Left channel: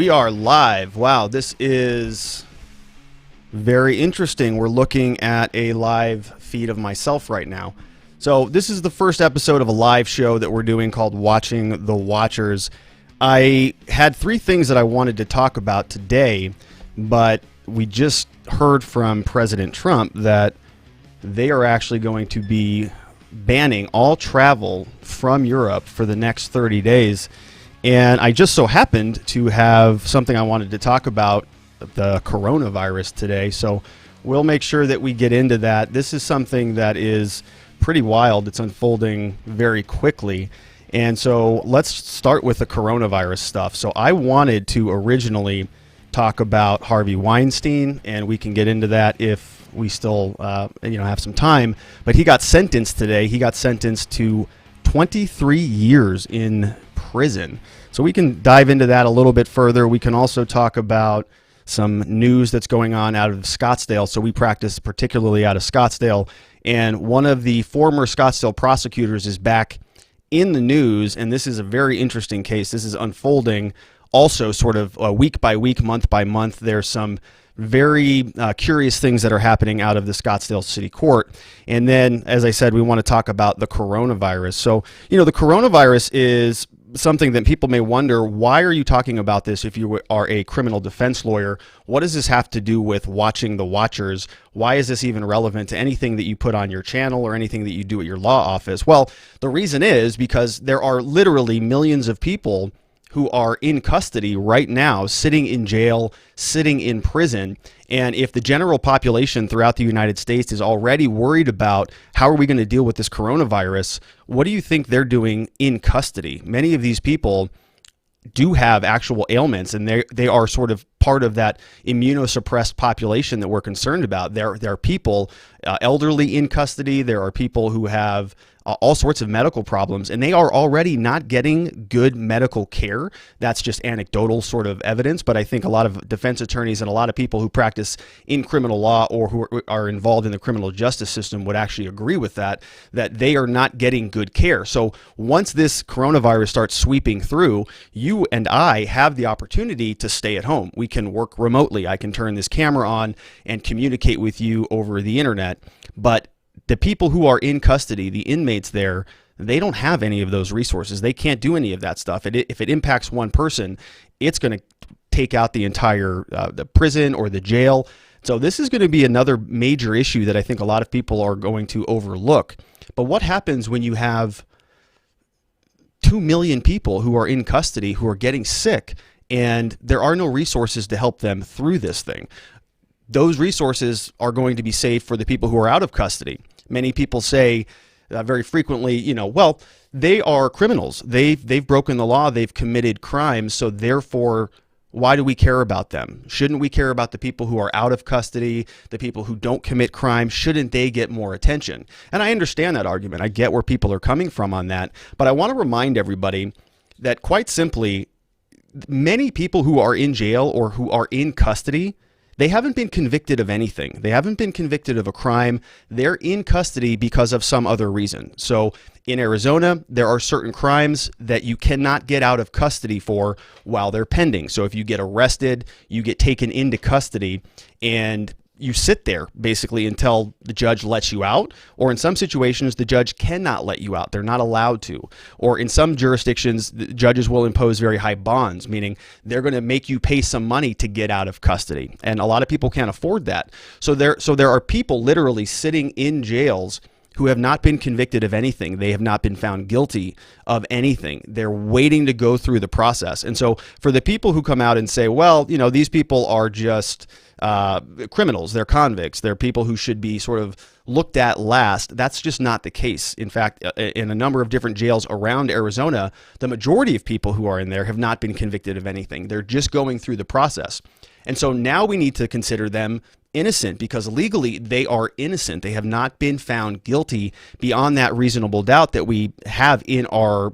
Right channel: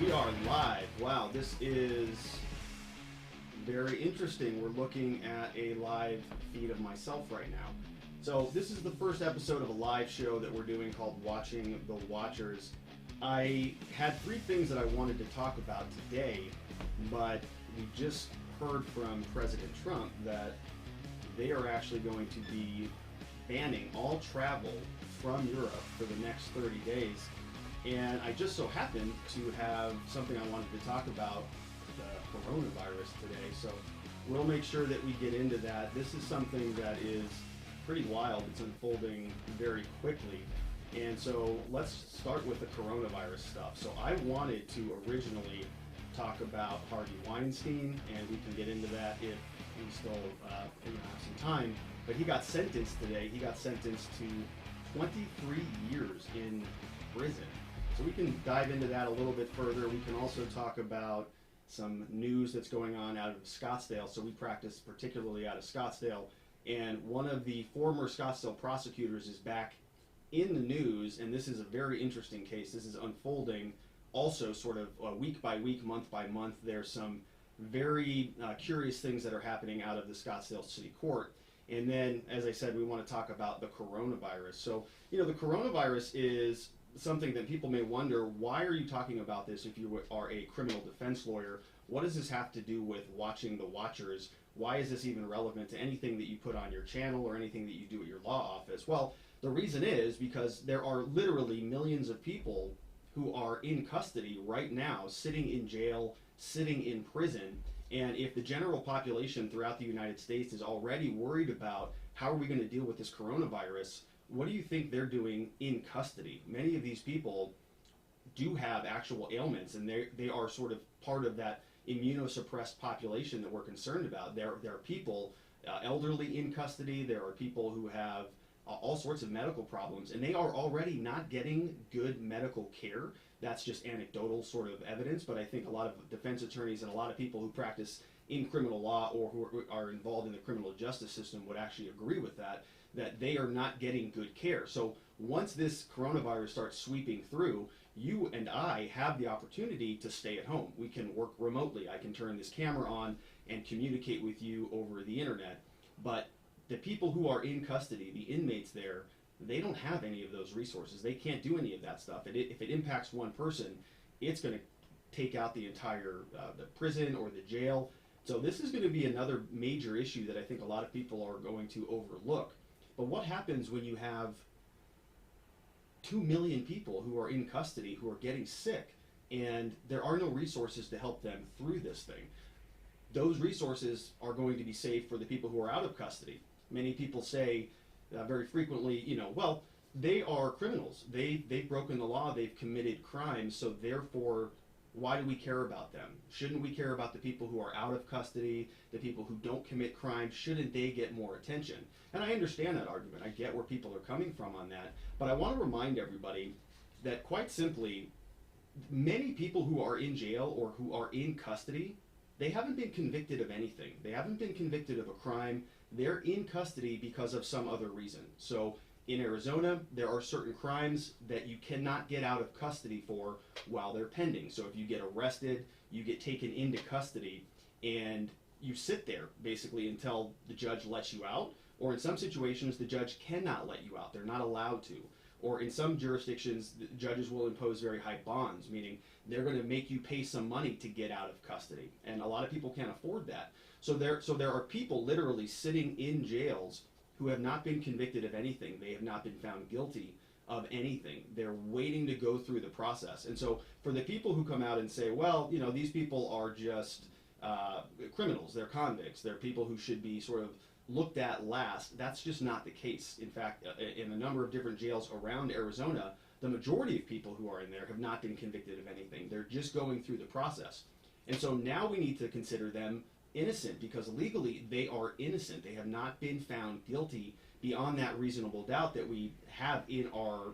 We are live. Wow, this is very interesting. We're looking at a live feed of myself right now. So this is the first episode of a live show that we're doing called Watching the Watchers. I had three things that I wanted to talk about today, but we just heard from President Trump that they are actually going to be banning all travel from Europe for the next 30 days. And I just so happened to have something I wanted to talk about, the coronavirus today. So we'll make sure that we get into that. This is something that is pretty wild. It's unfolding very quickly. And so let's start with the coronavirus stuff. So I wanted to originally talk about Harvey Weinstein, and we can get into that if we still have some time. But he got sentenced today. He got sentenced to 23 years in prison. So we can dive into that a little bit further. We can also talk about some news that's going on out of Scottsdale. So we practice particularly out of Scottsdale, and one of the former Scottsdale prosecutors is back in the news, and this is a very interesting case. This is unfolding also sort of week by week, month by month. There's some very curious things that are happening out of the Scottsdale City Court. And then, as I said, we want to talk about the coronavirus. So, the coronavirus is something that people may wonder, why are you talking about this if you are a criminal defense lawyer? What does this have to do with watching the watchers? Why is this even relevant to anything that you put on your channel or anything that you do at your law office? Well, the reason is because there are literally millions of people who are in custody right now, sitting in jail, sitting in prison. And if the general population throughout the United States is already worried about how are we going to deal with this coronavirus, what do you think they're doing in custody? Many of these people do have actual ailments, and they are sort of part of that immunosuppressed population that we're concerned about. There are people, elderly in custody. There are people who have all sorts of medical problems, and they are already not getting good medical care. That's just anecdotal sort of evidence, but I think a lot of defense attorneys and a lot of people who practice in criminal law or who are involved in the criminal justice system would actually agree with that they are not getting good care. So once this coronavirus starts sweeping through, you and I have the opportunity to stay at home. We can work remotely. I can turn this camera on and communicate with you over the internet, but the people who are in custody, the inmates there, they don't have any of those resources. They can't do any of that stuff. If it impacts one person, it's going to take out the entire the prison or the jail. So this is going to be another major issue that I think a lot of people are going to overlook. But what happens when you have 2 million people who are in custody who are getting sick and there are no resources to help them through this thing? Those resources are going to be saved for the people who are out of custody. Many people say very frequently, well, they are criminals. They've broken the law. They've committed crimes. So therefore, why do we care about them? Shouldn't we care about the people who are out of custody, the people who don't commit crimes? Shouldn't they get more attention? And I understand that argument. I get where people are coming from on that. But I want to remind everybody that quite simply, many people who are in jail or who are in custody, they haven't been convicted of anything. They haven't been convicted of a crime. They're in custody because of some other reason. So in Arizona, there are certain crimes that you cannot get out of custody for while they're pending. So if you get arrested, you get taken into custody and you sit there basically until the judge lets you out, or in some situations, the judge cannot let you out. They're not allowed to. Or in some jurisdictions, the judges will impose very high bonds, meaning they're going to make you pay some money to get out of custody. And a lot of people can't afford that. So there are people literally sitting in jails who have not been convicted of anything. They have not been found guilty of anything. They're waiting to go through the process. And so for the people who come out and say, well, these people are just criminals, they're convicts, they're people who should be sort of looked at last, that's just not the case. In fact, in a number of different jails around Arizona, the majority of people who are in there have not been convicted of anything. They're just going through the process. And so now we need to consider them innocent because legally they are innocent. They have not been found guilty beyond that reasonable doubt that we have in our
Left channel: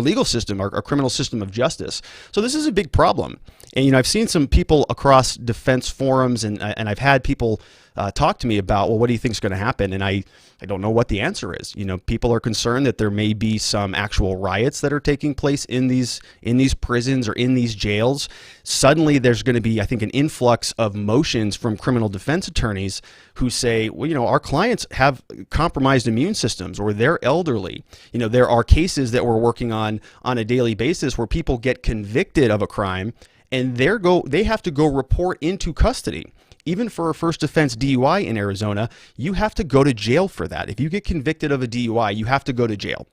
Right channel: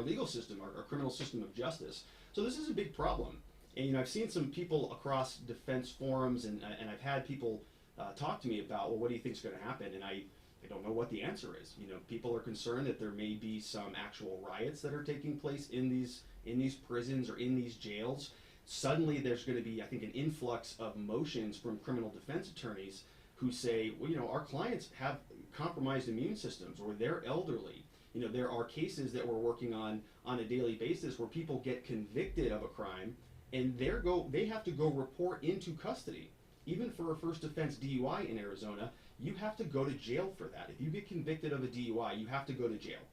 legal system, our criminal system of justice. So this is a big problem. And, I've seen some people across defense forums and I've had people talk to me about, well, what do you think is going to happen? And I I don't know what the answer is. People are concerned that there may be some actual riots that are taking place in these prisons or in these jails. Suddenly there's going to be, I think, an influx of motions from criminal defense attorneys who say, well, our clients have compromised immune systems, or they're elderly. There are cases that we're working on a daily basis where people get convicted of a crime and they have to go report into custody. Even for a first offense DUI in Arizona, you have to go to jail for that. If you get convicted of a DUI, you have to go to jail.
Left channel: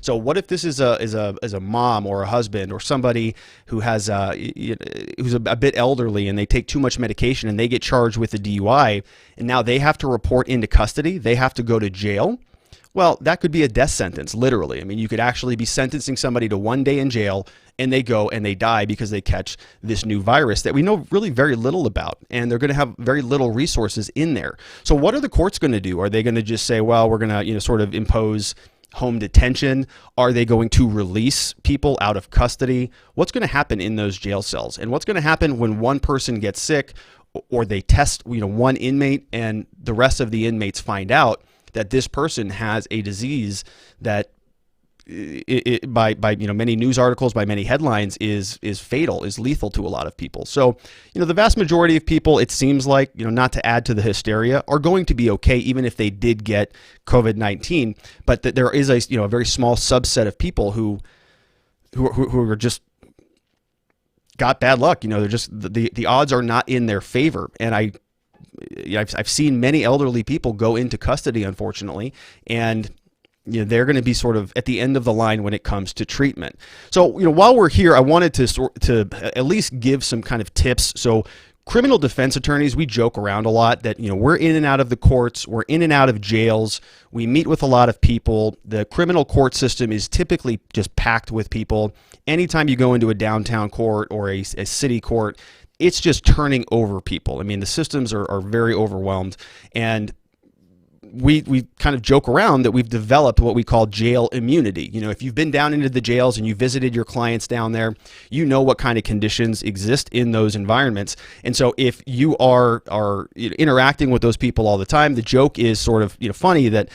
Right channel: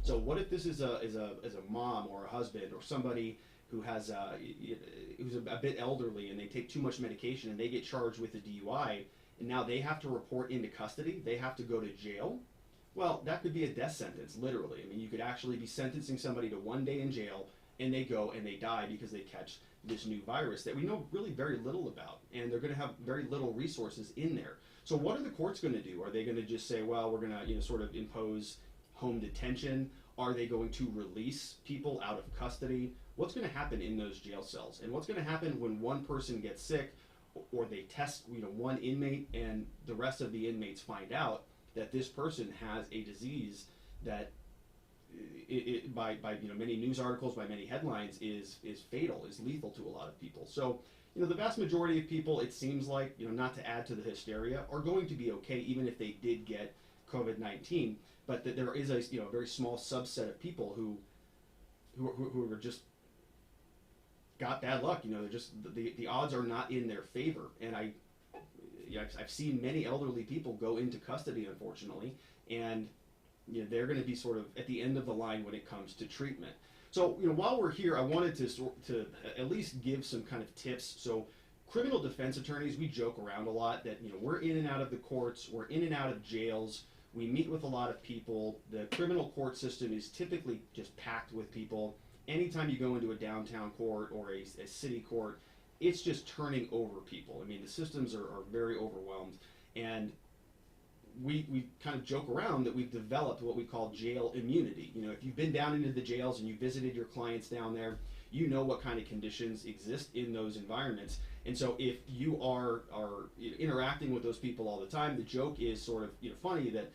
So what if this is a mom or a husband or somebody who has who's a bit elderly and they take too much medication and they get charged with a DUI, and now they have to report into custody, they have to go to jail? Well, that could be a death sentence, literally. I mean, you could actually be sentencing somebody to 1 day in jail, and they go and they die because they catch this new virus that we know really very little about, and they're going to have very little resources in there. So what are the courts going to do? Are they going to just say, well, we're going to sort of impose home detention? Are they going to release people out of custody? What's going to happen in those jail cells? And what's going to happen when one person gets sick, or they test one inmate and the rest of the inmates find out that this person has a disease that by many news articles, by many headlines, is fatal, is lethal to a lot of people. So, the vast majority of people, it seems like, not to add to the hysteria, are going to be okay, even if they did get COVID-19. But that there is a very small subset of people who are just got bad luck. They're just the odds are not in their favor. And I've seen many elderly people go into custody, unfortunately, and they're going to be sort of at the end of the line when it comes to treatment. So, while we're here, I wanted to at least give some kind of tips. So, criminal defense attorneys, we joke around a lot that, we're in and out of the courts, we're in and out of jails, we meet with a lot of people. The criminal court system is typically just packed with people. Anytime you go into a downtown court or a city court, it's just turning over people. I mean, the systems are very overwhelmed, and we kind of joke around that we've developed what we call jail immunity. If you've been down into the jails and you visited your clients down there, what kind of conditions exist in those environments. And so if you are interacting with those people all the time, the joke is sort of funny that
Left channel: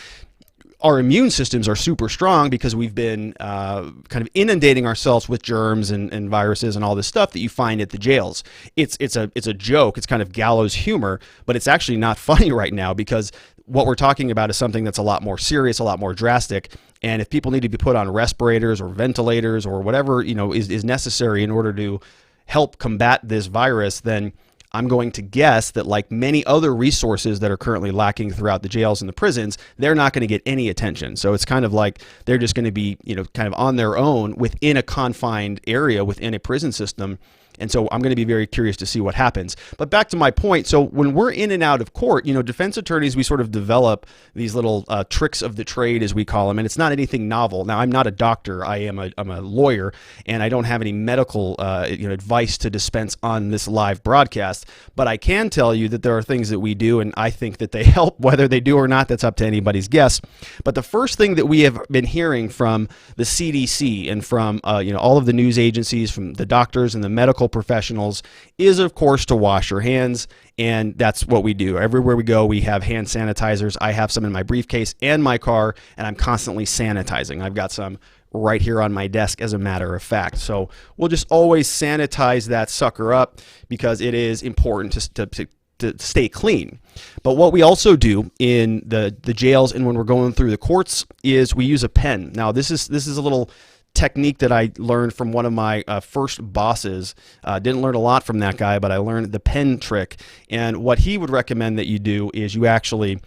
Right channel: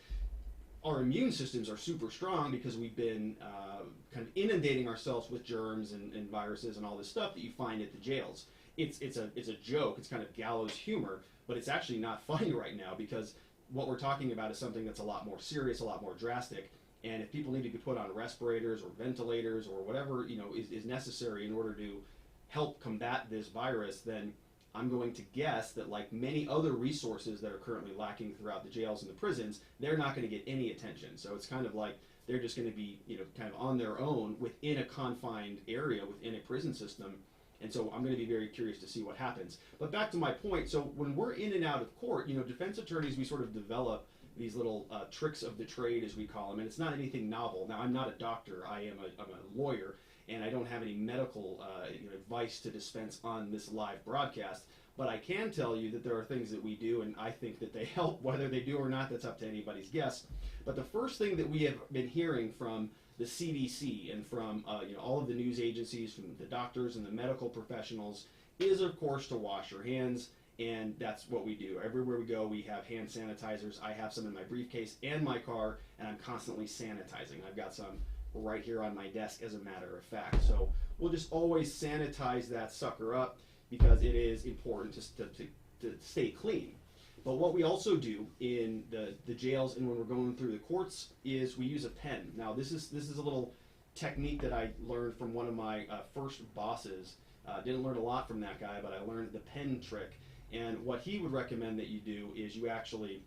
our immune systems are super strong because we've been kind of inundating ourselves with germs and viruses and all this stuff that you find at the jails. It's a joke. It's kind of gallows humor, but it's actually not funny right now, because what we're talking about is something that's a lot more serious, a lot more drastic. And if people need to be put on respirators or ventilators or whatever, is necessary in order to help combat this virus, then I'm going to guess that, like many other resources that are currently lacking throughout the jails and the prisons, they're not going to get any attention. So it's kind of like they're just going to be, kind of on their own within a confined area within a prison system. And so I'm going to be very curious to see what happens. But back to my point. So when we're in and out of court, defense attorneys, we sort of develop these little tricks of the trade, as we call them. And it's not anything novel. Now, I'm not a doctor. I'm a lawyer, and I don't have any medical advice to dispense on this live broadcast. But I can tell you that there are things that we do, and I think that they help. Whether they do or not, that's up to anybody's guess. But the first thing that we have been hearing from the CDC and from all of the news agencies, from the doctors and the medical professionals, is of course to wash your hands. And that's what we do. Everywhere we go, we have hand sanitizers. I have some in my briefcase and my car, and I'm constantly sanitizing. I've got some right here on my desk, as a matter of fact. So we'll just always sanitize that sucker up, because it is important to stay clean. But what we also do in the jails and when we're going through the courts is we use a pen. Now, this is a little technique that I learned from one of my first bosses. Didn't learn a lot from that guy, but I learned the pen trick. And what he would recommend that you do is you actually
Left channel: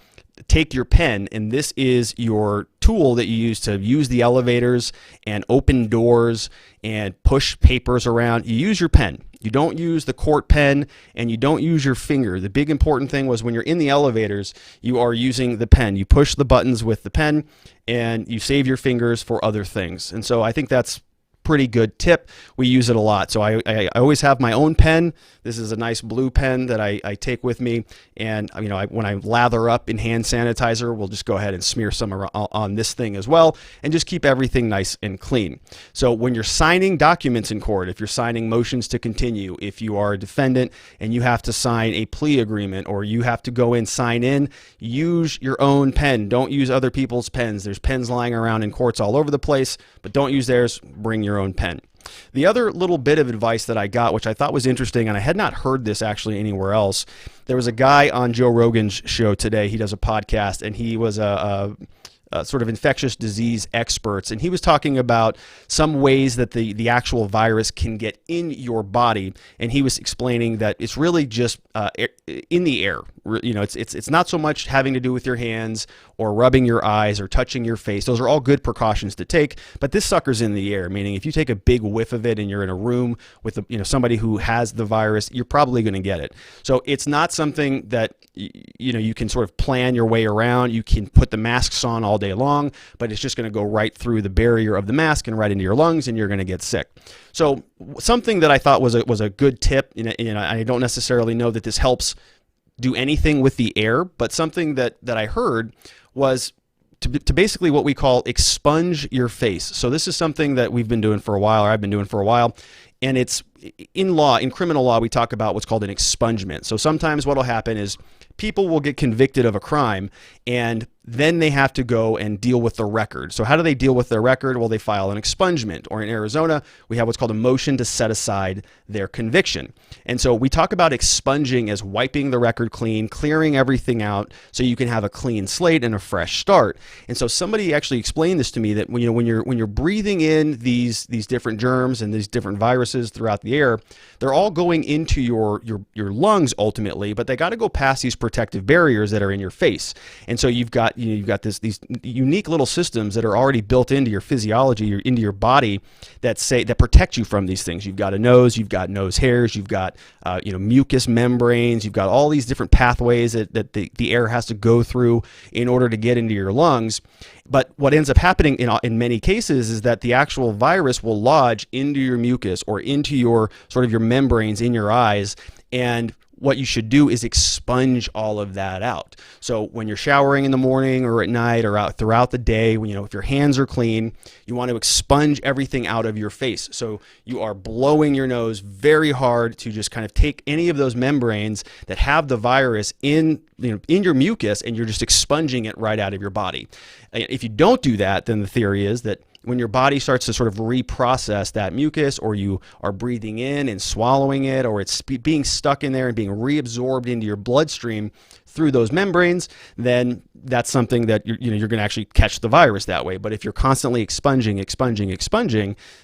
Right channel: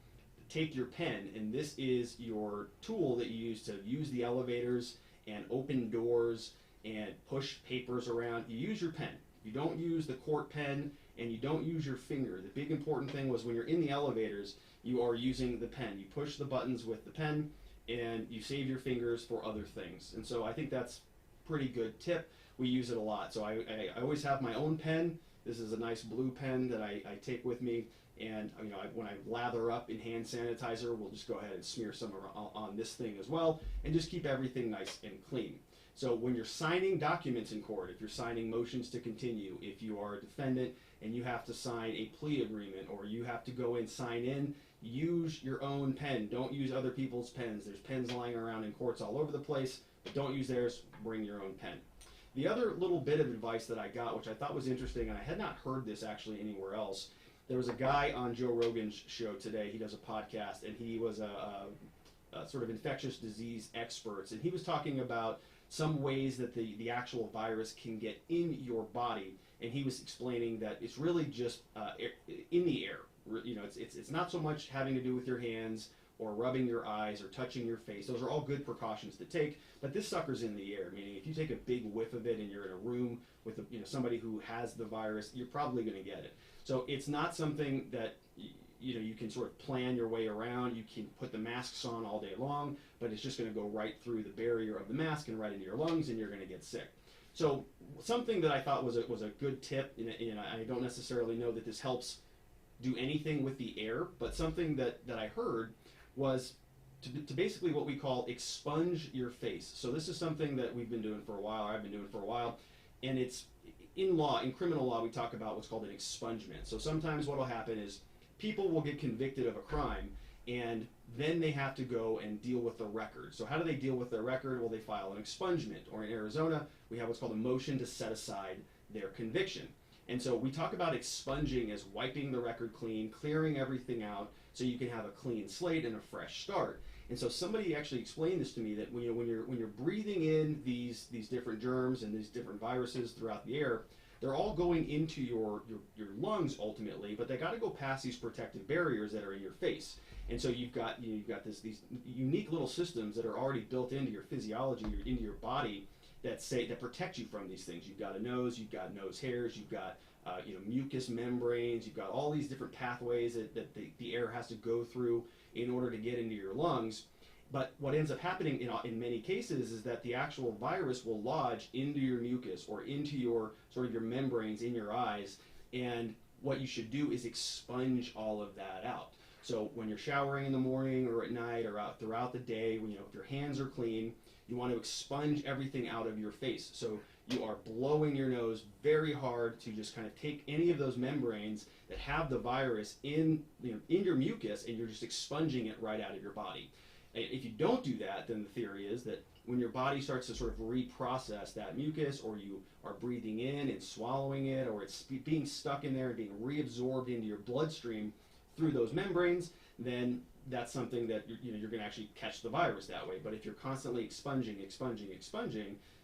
take your pen, and this is your tool that you use to use the elevators and open doors and push papers around. You use your pen. You don't use the court pen, and you don't use your finger. The big important thing was when you're in the elevators, you are using the pen. You push the buttons with the pen, and you save your fingers for other things. And so I think that's pretty good tip. We use it a lot. So I always have my own pen. This is a nice blue pen that I take with me. And when I lather up in hand sanitizer, we'll just go ahead and smear some on this thing as well, and just keep everything nice and clean. So when you're signing documents in court, if you're signing motions to continue, if you are a defendant and you have to sign a plea agreement, or you have to go in, sign in, use your own pen. Don't use other people's pens. There's pens lying around in courts all over the place, but don't use theirs. Bring your own pen. The other little bit of advice that I got, which I thought was interesting, and I had not heard this actually anywhere else. There was a guy on Joe Rogan's show today. He does a podcast, and he was a sort of infectious disease experts, and he was talking about some ways that the actual virus can get in your body, and he was explaining that it's really just in the air. It's not so much having to do with your hands or rubbing your eyes or touching your face. Those are all good precautions to take, but this sucker's in the air, meaning if you take a big whiff of it and you're in a room with somebody who has the virus, you're probably going to get it. So it's not something that you can sort of plan your way around. You can put the masks on all day long, but it's just going to go right through the barrier of the mask and right into your lungs, and you're going to get sick. So something that I thought was a good tip, I don't necessarily know that this helps do anything with the air, but something that I heard was to basically what we call expunge your face. So this is something that we've been doing for a while, or I've been doing for a while, and it's in criminal law, we talk about what's called an expungement. So sometimes what will happen is people will get convicted of a crime, and then they have to go and deal with the record. So how do they deal with their record? Well, they file an expungement, or in Arizona, we have what's called a motion to set aside their conviction. And so we talk about expunging as wiping the record clean, clearing everything out so you can have a clean slate and a fresh start. And so somebody actually explained this to me, that when you're breathing in these different germs and these different viruses throughout the air, they're all going into your lungs ultimately, but they got to go past these protective barriers that are in your face. And so you've got these unique little systems that are already built into your physiology, into your body, that protect you from these things. You've got a nose, you've got nose hairs, you've got mucous membranes, you've got all these different pathways that the air has to go through in order to get into your lungs. But what ends up happening in many cases is that the actual virus will lodge into your mucus or into your membranes in your eyes, and what you should do is expunge all of that out. So when you're showering in the morning or at night or out throughout the day, if your hands are clean, you want to expunge everything out of your face. So you are blowing your nose very hard to just kind of take any of those membranes that have the virus in your mucus, and you're just expunging it right out of your body. If you don't do that, then the theory is that when your body starts to sort of reprocess that mucus, or you are breathing in and swallowing it, or it's being stuck in there and being reabsorbed into your bloodstream through those membranes, then that's something that you're going to actually catch the virus that way. But if you're constantly expunging,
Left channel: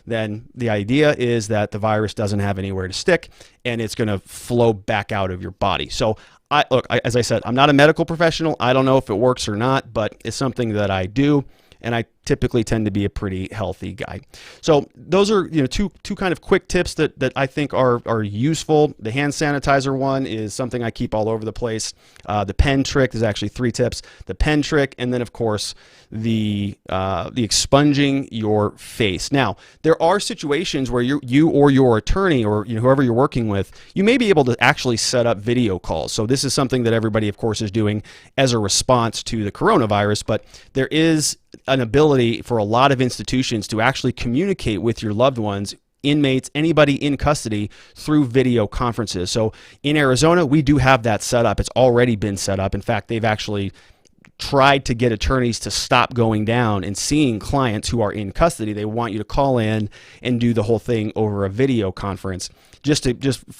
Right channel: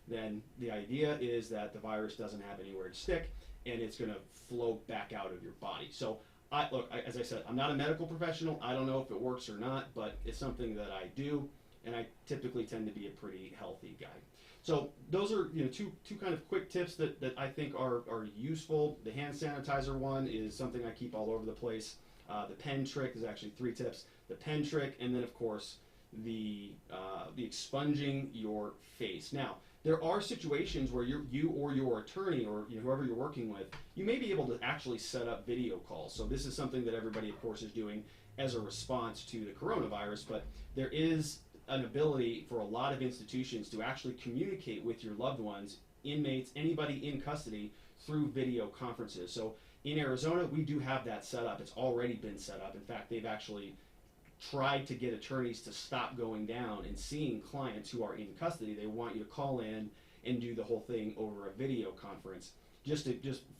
then the idea is that the virus doesn't have anywhere to stick, and it's going to flow back out of your body. So as I said, I'm not a medical professional. I don't know if it works or not, but it's something that I do, and I typically tend to be a pretty healthy guy. So those are two kind of quick tips that I think are useful. The hand sanitizer one is something I keep all over the place. The pen trick is actually 3 tips. The pen trick, and then of course the expunging your face. Now, there are situations where you or your attorney or whoever you're working with, you may be able to actually set up video calls. So this is something that everybody, of course, is doing as a response to the coronavirus, but there is an ability for a lot of institutions to actually communicate with your loved ones, inmates, anybody in custody, through video conferences. So in Arizona, we do have that set up. It's already been set up. In fact, they've actually tried to get attorneys to stop going down and seeing clients who are in custody. They want you to call in and do the whole thing over a video conference, just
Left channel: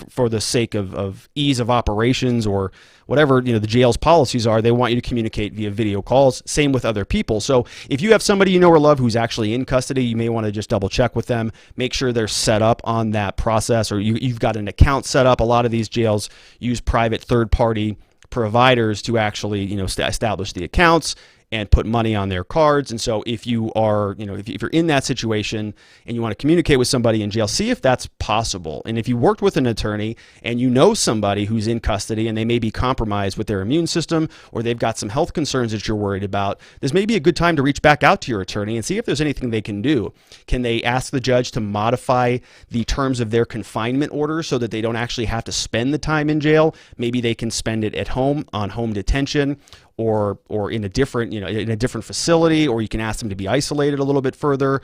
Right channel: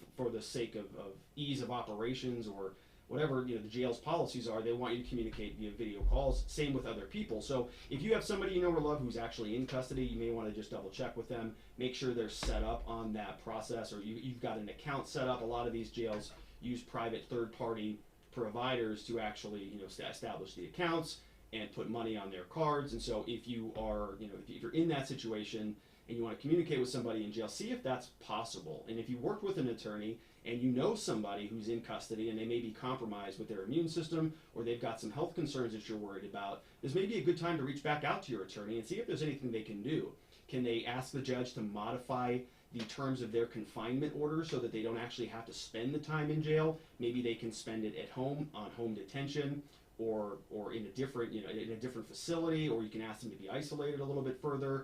for the sake of ease of operations, or whatever the jail's policies are. They want you to communicate via video calls. Same with other people. So if you have somebody you know or love who's actually in custody, you may want to just double check with them, make sure they're set up on that process, or you've got an account set up. A lot of these jails use private third-party providers to actually establish the accounts and put money on their cards. And so if you are, if you're in that situation and you want to communicate with somebody in jail, see if that's possible. And if you worked with an attorney and you know somebody who's in custody and they may be compromised with their immune system, or they've got some health concerns that you're worried about, this may be a good time to reach back out to your attorney and see if there's anything they can do. Can they ask the judge to modify the terms of their confinement order so that they don't actually have to spend the time in jail? Maybe they can spend it at home on home detention, or in a different, in a different facility, or you can ask them to be isolated a little bit further.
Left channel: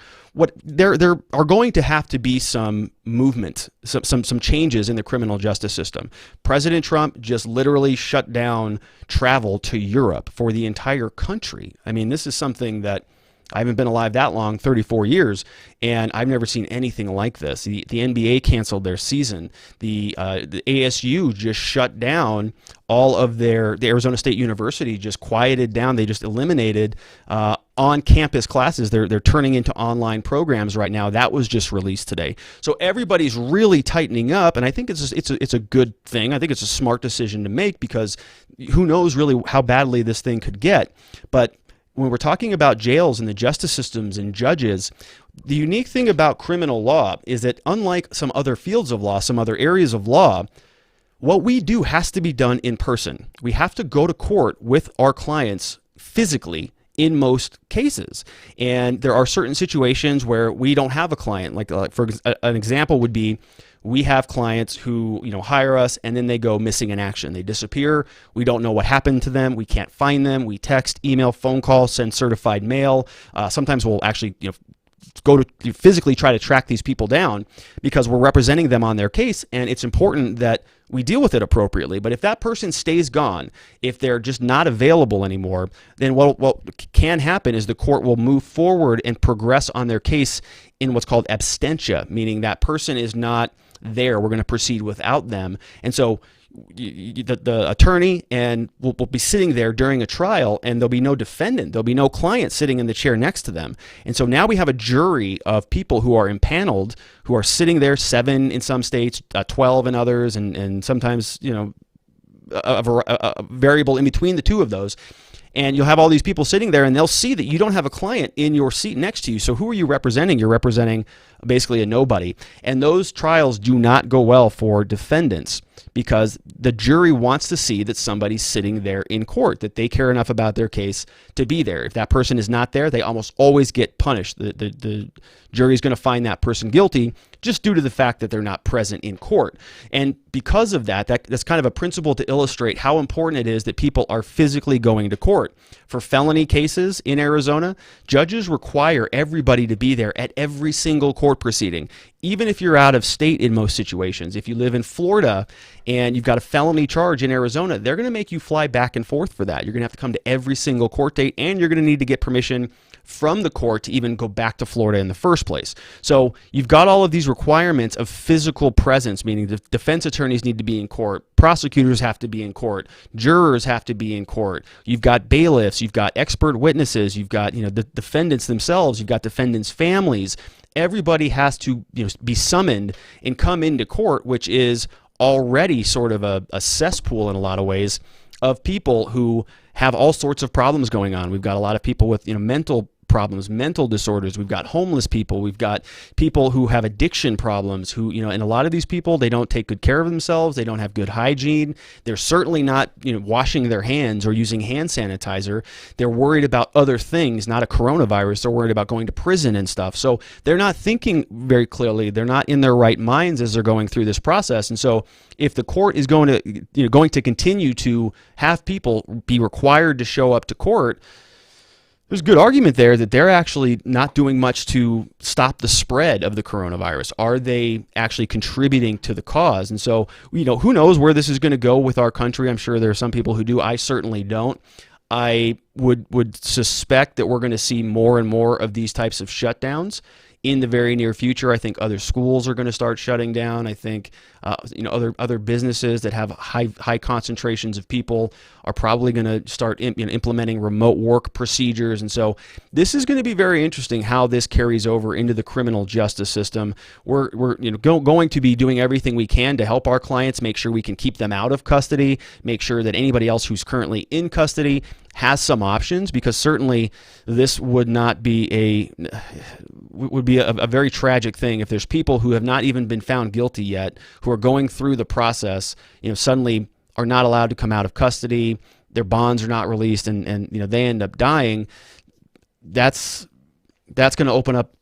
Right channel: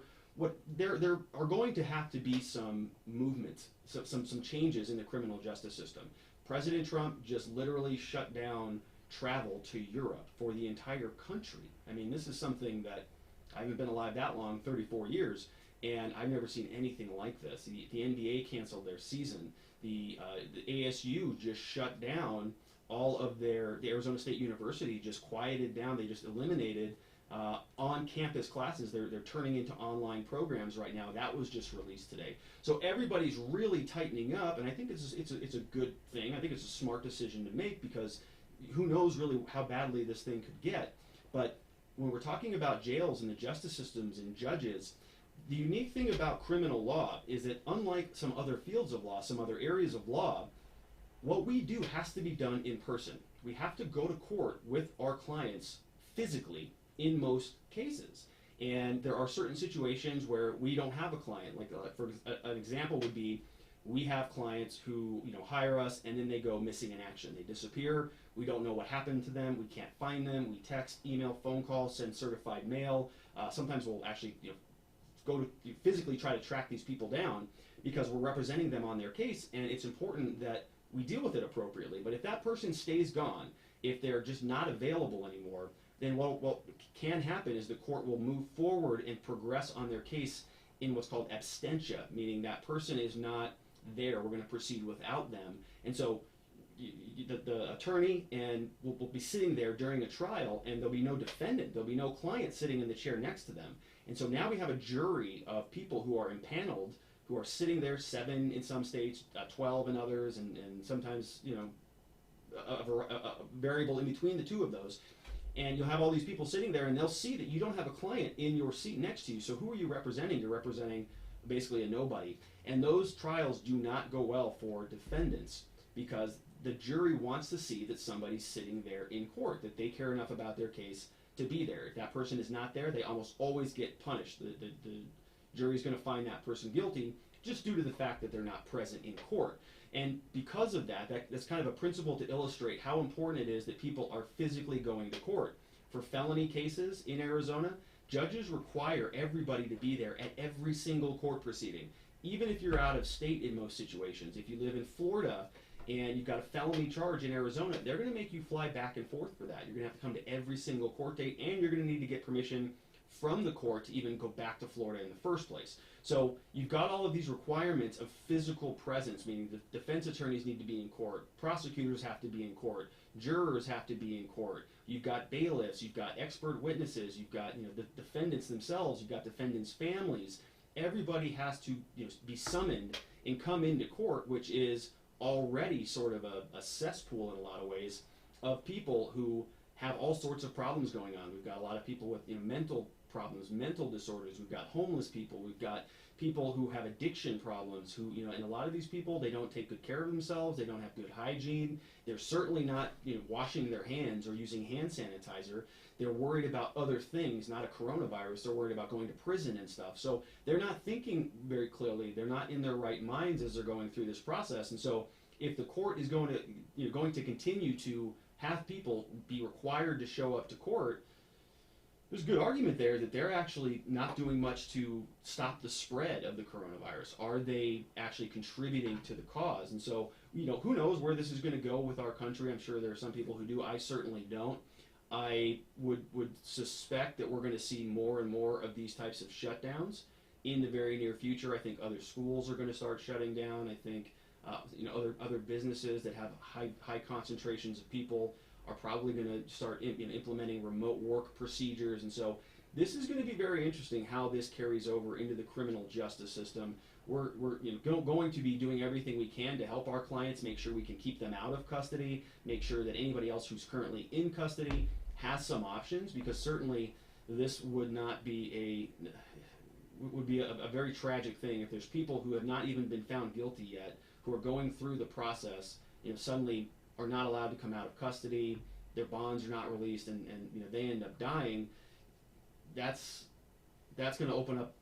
There are going to have to be some movement, some changes in the criminal justice system. President Trump just literally shut down travel to Europe for the entire country. I mean, this is something that I haven't been alive that long, 34 years, and I've never seen anything like this. The NBA canceled their season. The ASU just shut down all of the Arizona State University just quieted down. They just eliminated on-campus classes. They're turning into online programs right now. That was just released today. So everybody's really tightening up, and I think it's a good thing. I think it's a smart decision to make, because who knows really how badly this thing could get. But when we're talking about jails and the justice systems and judges, the unique thing about criminal law is that, unlike some other fields of law, some other areas of law, what we do has to be done in person. We have to go to court with our clients physically in most cases. And there are certain situations where we don't have a client. Like for an example would be, we have clients who, hire us and then they go missing in action. They disappear. We don't know what happened to them. We can't find them. We text, email, phone call, send certified mail. Sometimes we'll actually, go to physically try to track these people down, because we're representing them on their case, and it's important that we deal with it appropriately. But if that person stays gone, if they're just not available anymore, then what can happen is the court will move forward and progress on their case in what's called absentia, meaning that person is not there. We're going to proceed without them. And so the attorney and will be sitting there during a trial, and there'll be no defendant. There'll be no client sitting in the chair next to them. And so now we have a jury of people who are impaneled, who are sitting there, 7 in some states, 12 in others, and sometimes, a variable in between the two of those. And you'll have all these people sitting there, and they'll see that you don't have a client in your seat next to you. So who are you representing? You're representing basically a nobody. And those trials do not go well for defendants, because the jury wants to see that somebody's sitting there in court, that they care enough about their case to be there. If that person is not there, they almost always get punished. The jury is going to find that person guilty just due to the fact that they're not present in court. And because of that's kind of a principle to illustrate how important it is that people are physically going to court. For felony cases in Arizona, judges require everybody to be there at every single court proceeding, even if you're out of state in most situations. If you live in Florida and you've got a felony charge in Arizona, they're going to make you fly back and forth for that. You're going to have to come to every single court date, and you're going to need to get permission from the court to even go back to Florida in the first place. So you've got all of these requirements of physical presence, meaning the defense attorneys need to be in court, prosecutors have to be in court, jurors have to be in court. You've got bailiffs, you've got expert witnesses, you've got the defendants themselves, you've got defendants' families. Everybody has to be summoned and come into court, which is already sort of a cesspool in a lot of ways of people who have all sorts of problems going on. We've got a lot of people with mental problems, mental disorders. We've got homeless people. We've got people who have addiction problems who, and a lot of these people, they don't take good care of themselves. They don't have good hygiene. They're certainly not, washing their hands or using hand sanitizer. They're worried about other things, not a coronavirus. They're worried about going to prison and stuff. So they're not thinking very clearly. They're not in their right minds as they're going through this process. And so if the court is going to continue to have people be required to show up to court, there's a good argument there that they're actually not doing much to stop the spread of the coronavirus. Are they actually contributing to the cause? And so, who knows where this is going to go with our country? I'm sure there are some people who do. I certainly don't. I would suspect that we're going to see more and more of these types of shutdowns in the very near future. I think other schools are going to start shutting down. I think other businesses that have high concentrations of people are probably going to start implementing remote work procedures. And so this is going to be very interesting how this carries over into the criminal justice system. We're going to be doing everything we can to help our clients make sure we can keep them out of custody, make sure that anybody else who's currently in custody has some options, because certainly this would not be a very tragic thing if there's people who have not even been found guilty yet, who are going through the process, suddenly are not allowed to come out of custody, their bonds are not released, and they end up dying. That's going to open up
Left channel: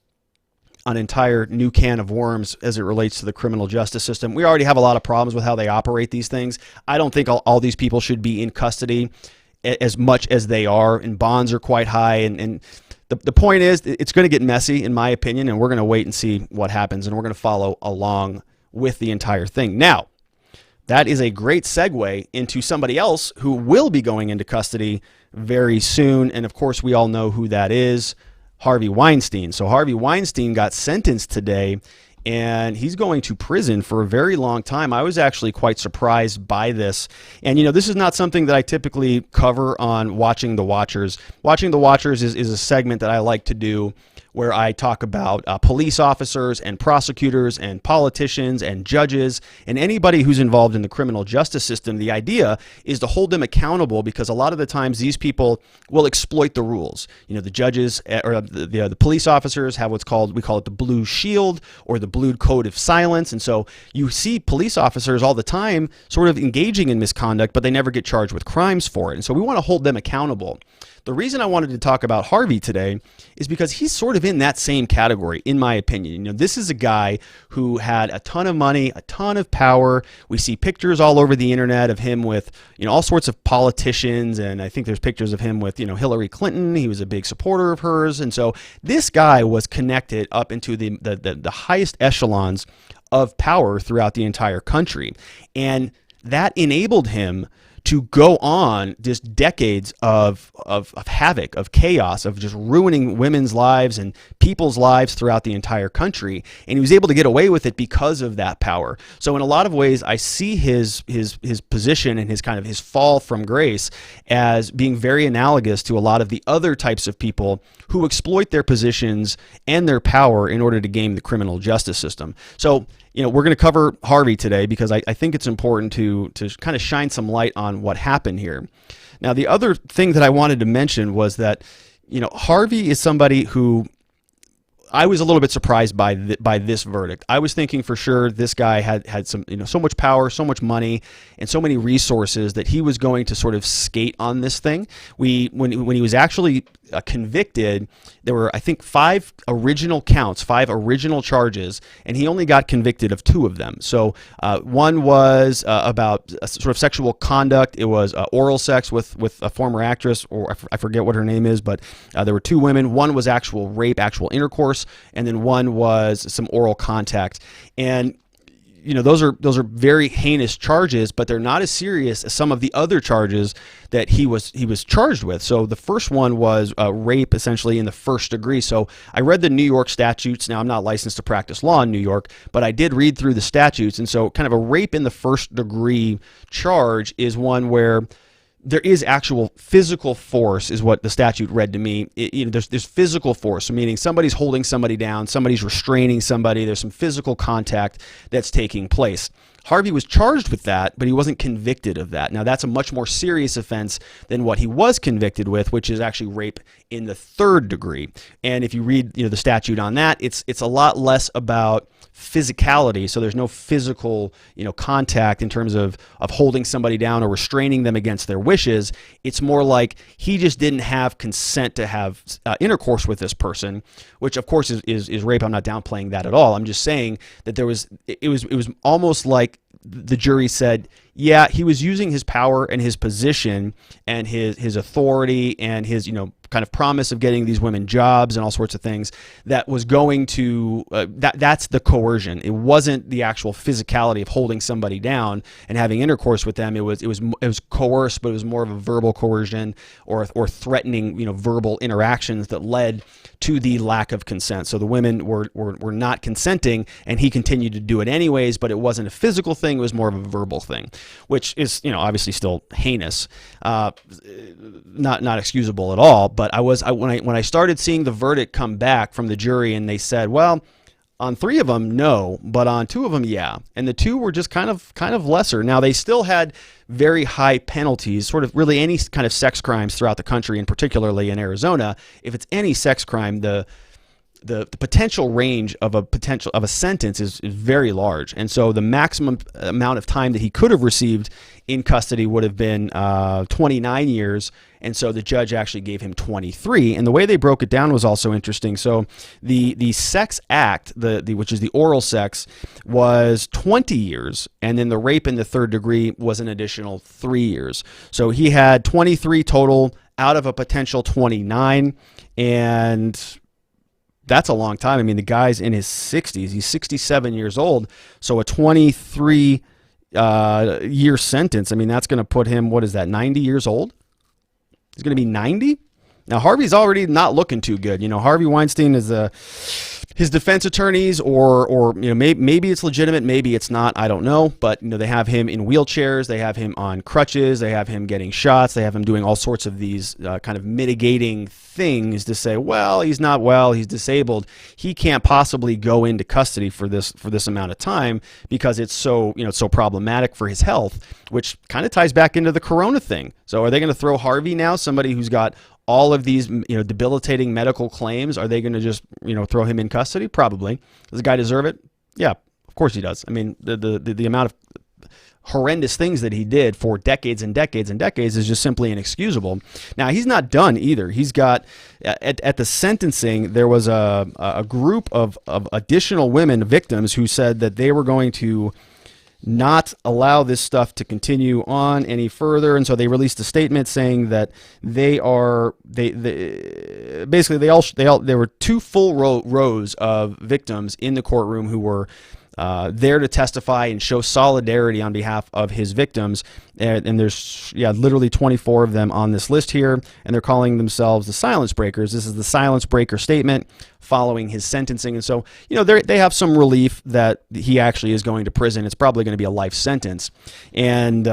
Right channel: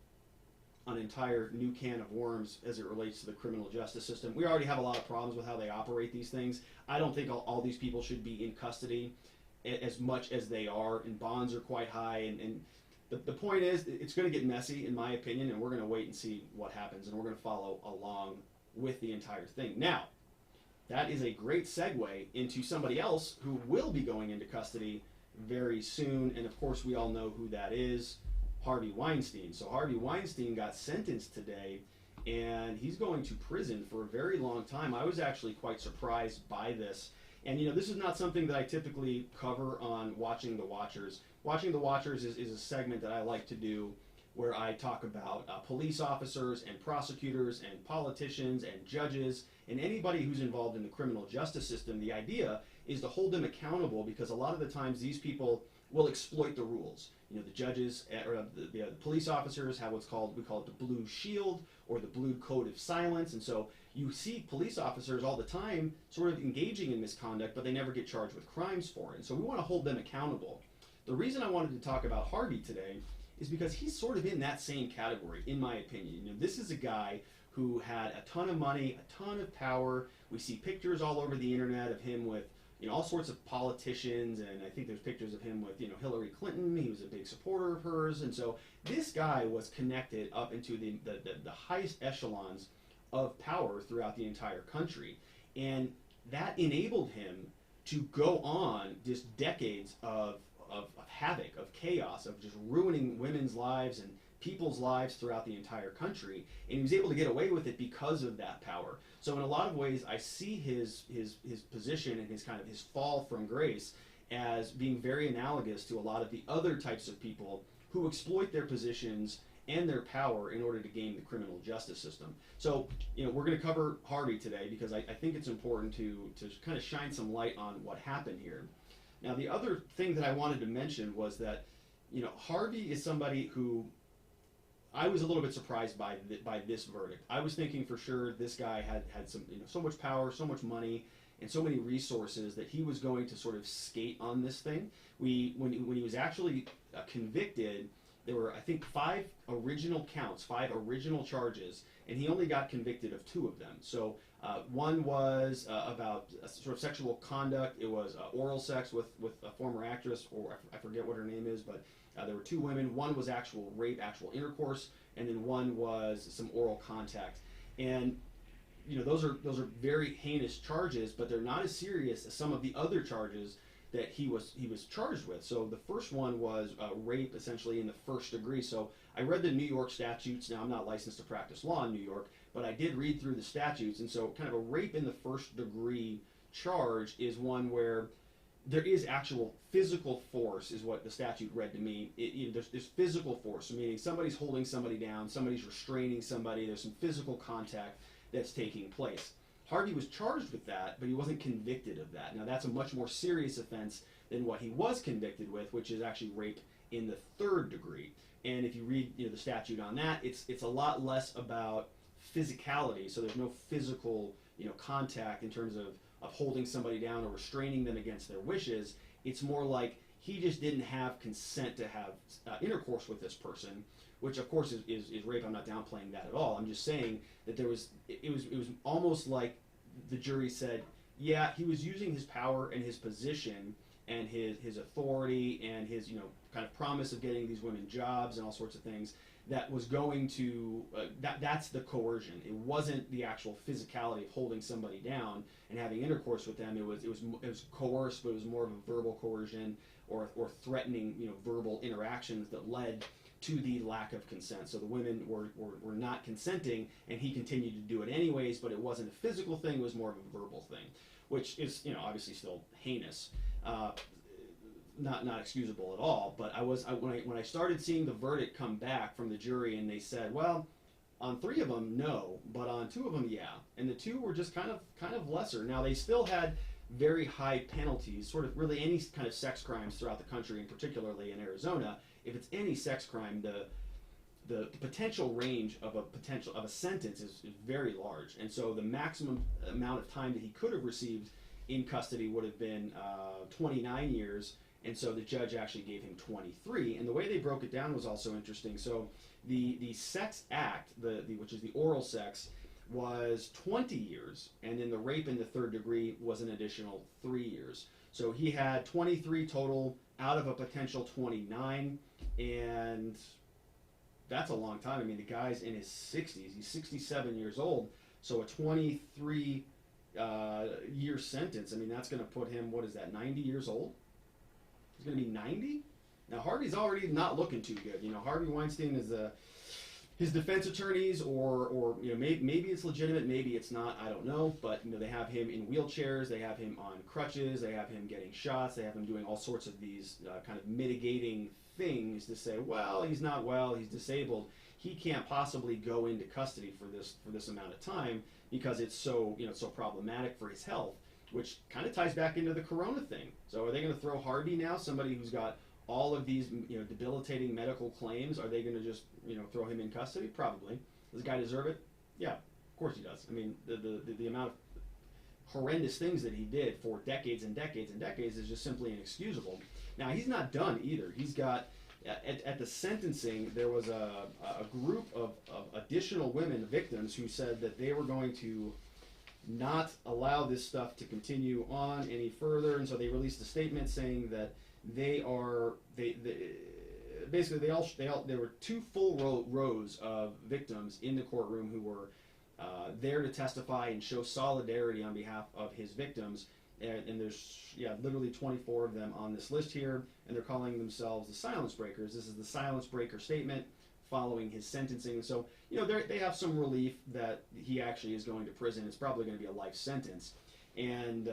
an entire new can of worms as it relates to the criminal justice system. We already have a lot of problems with how they operate these things. I don't think all these people should be in custody as much as they are, and bonds are quite high. And the point is, it's going to get messy, in my opinion, and we're going to wait and see what happens, and we're going to follow along with the entire thing. Now, that is a great segue into somebody else who will be going into custody very soon, and of course, we all know who that is, Harvey Weinstein. So Harvey Weinstein got sentenced today, and he's going to prison for a very long time. I was actually quite surprised by this. And, this is not something that I typically cover on Watching the Watchers. Watching the Watchers is a segment that I like to do where I talk about police officers and prosecutors and politicians and judges and anybody who's involved in the criminal justice system. The idea is to hold them accountable, because a lot of the times these people will exploit the rules. The judges or the police officers have we call it the blue shield or the blue code of silence. And so you see police officers all the time sort of engaging in misconduct, but they never get charged with crimes for it. And so we want to hold them accountable. The reason I wanted to talk about Harvey today is because he's sort of in that same category, in my opinion. This is a guy who had a ton of money, a ton of power. We see pictures all over the internet of him with, all sorts of politicians, and I think there's pictures of him with, Hillary Clinton. He was a big supporter of hers, and so this guy was connected up into the highest echelons of power throughout the entire country, and that enabled him to go on just decades of havoc, of chaos, of just ruining women's lives and people's lives throughout the entire country. And he was able to get away with it because of that power. So in a lot of ways, I see his position and his fall from grace as being very analogous to a lot of the other types of people who exploit their positions and their power in order to game the criminal justice system. So, we're going to cover Harvey today because I think it's important to kind of shine some light on what happened here. Now, the other thing that I wanted to mention was that, Harvey is somebody who I was a little bit surprised by this verdict. I was thinking for sure this guy had some, so much power, so much money, and so many resources that he was going to sort of skate on this thing. When he was actually convicted, there were, I think, 5 original counts, 5 original charges, and he only got convicted of 2 of them. So one was about sort of sexual conduct. It was oral sex with a former actress, or I forget what her name is, but there were 2 women. One was actual rape, actual intercourse, and then one was some oral contact. And those are very heinous charges, but they're not as serious as some of the other charges that he was charged with. So the first one was rape, essentially in the first degree. So I read the New York statutes. Now, I'm not licensed to practice law in New York, but I did read through the statutes. And so kind of a rape in the first degree charge is one where there is actual physical force, is what the statute read to me. There's physical force, meaning somebody's holding somebody down, somebody's restraining somebody. There's some physical contact that's taking place. Harvey was charged with that, but he wasn't convicted of that. Now, that's a much more serious offense than what he was convicted with, which is actually rape in the third degree. And if you read the statute on that, it's a lot less about physicality. So there's no physical contact in terms of holding somebody down or restraining them against their wishes. It's more like he just didn't have consent to have intercourse with this person, which of course is rape. I'm not downplaying that at all. I'm just saying that it was almost like the jury said, yeah, he was using his power and his position and his authority and his kind of promise of getting these women jobs and all sorts of things that was going to that's the coercion. It wasn't the actual physicality of holding somebody down and having intercourse with them. It was coerced, but it was more of a verbal coercion or threatening verbal interactions that led to the lack of consent. So the women were not consenting, and he continued to do it anyways, but it wasn't a physical thing. It was more of a verbal thing, which is, obviously still heinous, not excusable at all. But when I started seeing the verdict come back from the jury, and they said, well, on 3 of them, no, but on 2 of them, yeah. And the 2 were just kind of lesser. Now, they still had very high penalties, sort of really any kind of sex crimes throughout the country, and particularly in Arizona. If it's any sex crime, the potential range of a sentence is very large. And so the maximum amount of time that he could have received in custody would have been 29 years. And so the judge actually gave him 23. And the way they broke it down was also interesting. So the sex act, which is the oral sex, was 20 years. And then the rape in the 3rd degree was an additional 3 years. So he had 23 total out of a potential 29. And that's a long time. I mean, the guy's in his 60s. He's 67 years old. So a 23 year sentence, I mean, that's going to put him, 90 years old? He's going to be 90? Now, Harvey's already not looking too good. Harvey Weinstein is his defense attorneys, or maybe it's legitimate, maybe it's not, I don't know. But they have him in wheelchairs, they have him on crutches, they have him getting shots, they have him doing all sorts of these kind of mitigating things to say, well, he's not well, he's disabled, he can't possibly go into custody for this amount of time because it's so so problematic for his health, which kind of ties back into the corona thing. So are they going to throw Harvey now, somebody who's got all of these debilitating medical claims? Are they going to just throw him in custody? Probably. Does the guy deserve it? Yeah, of course he does. I mean, the amount of horrendous things that he did for decades and decades and decades is just simply inexcusable. Now, he's not done either. He's got, at the sentencing, there was a group of additional women victims who said that they were going to not allow this stuff to continue on any further. And so they released a statement saying that there were 2 full rows of victims in the courtroom who were there to testify and show solidarity on behalf of his victims. And there's literally 24 of them on this list here, and they're calling themselves the silence breakers. This is the silence breaker statement following his sentencing. And so, they have some relief that he actually is going to prison. It's probably going to be a life sentence. And,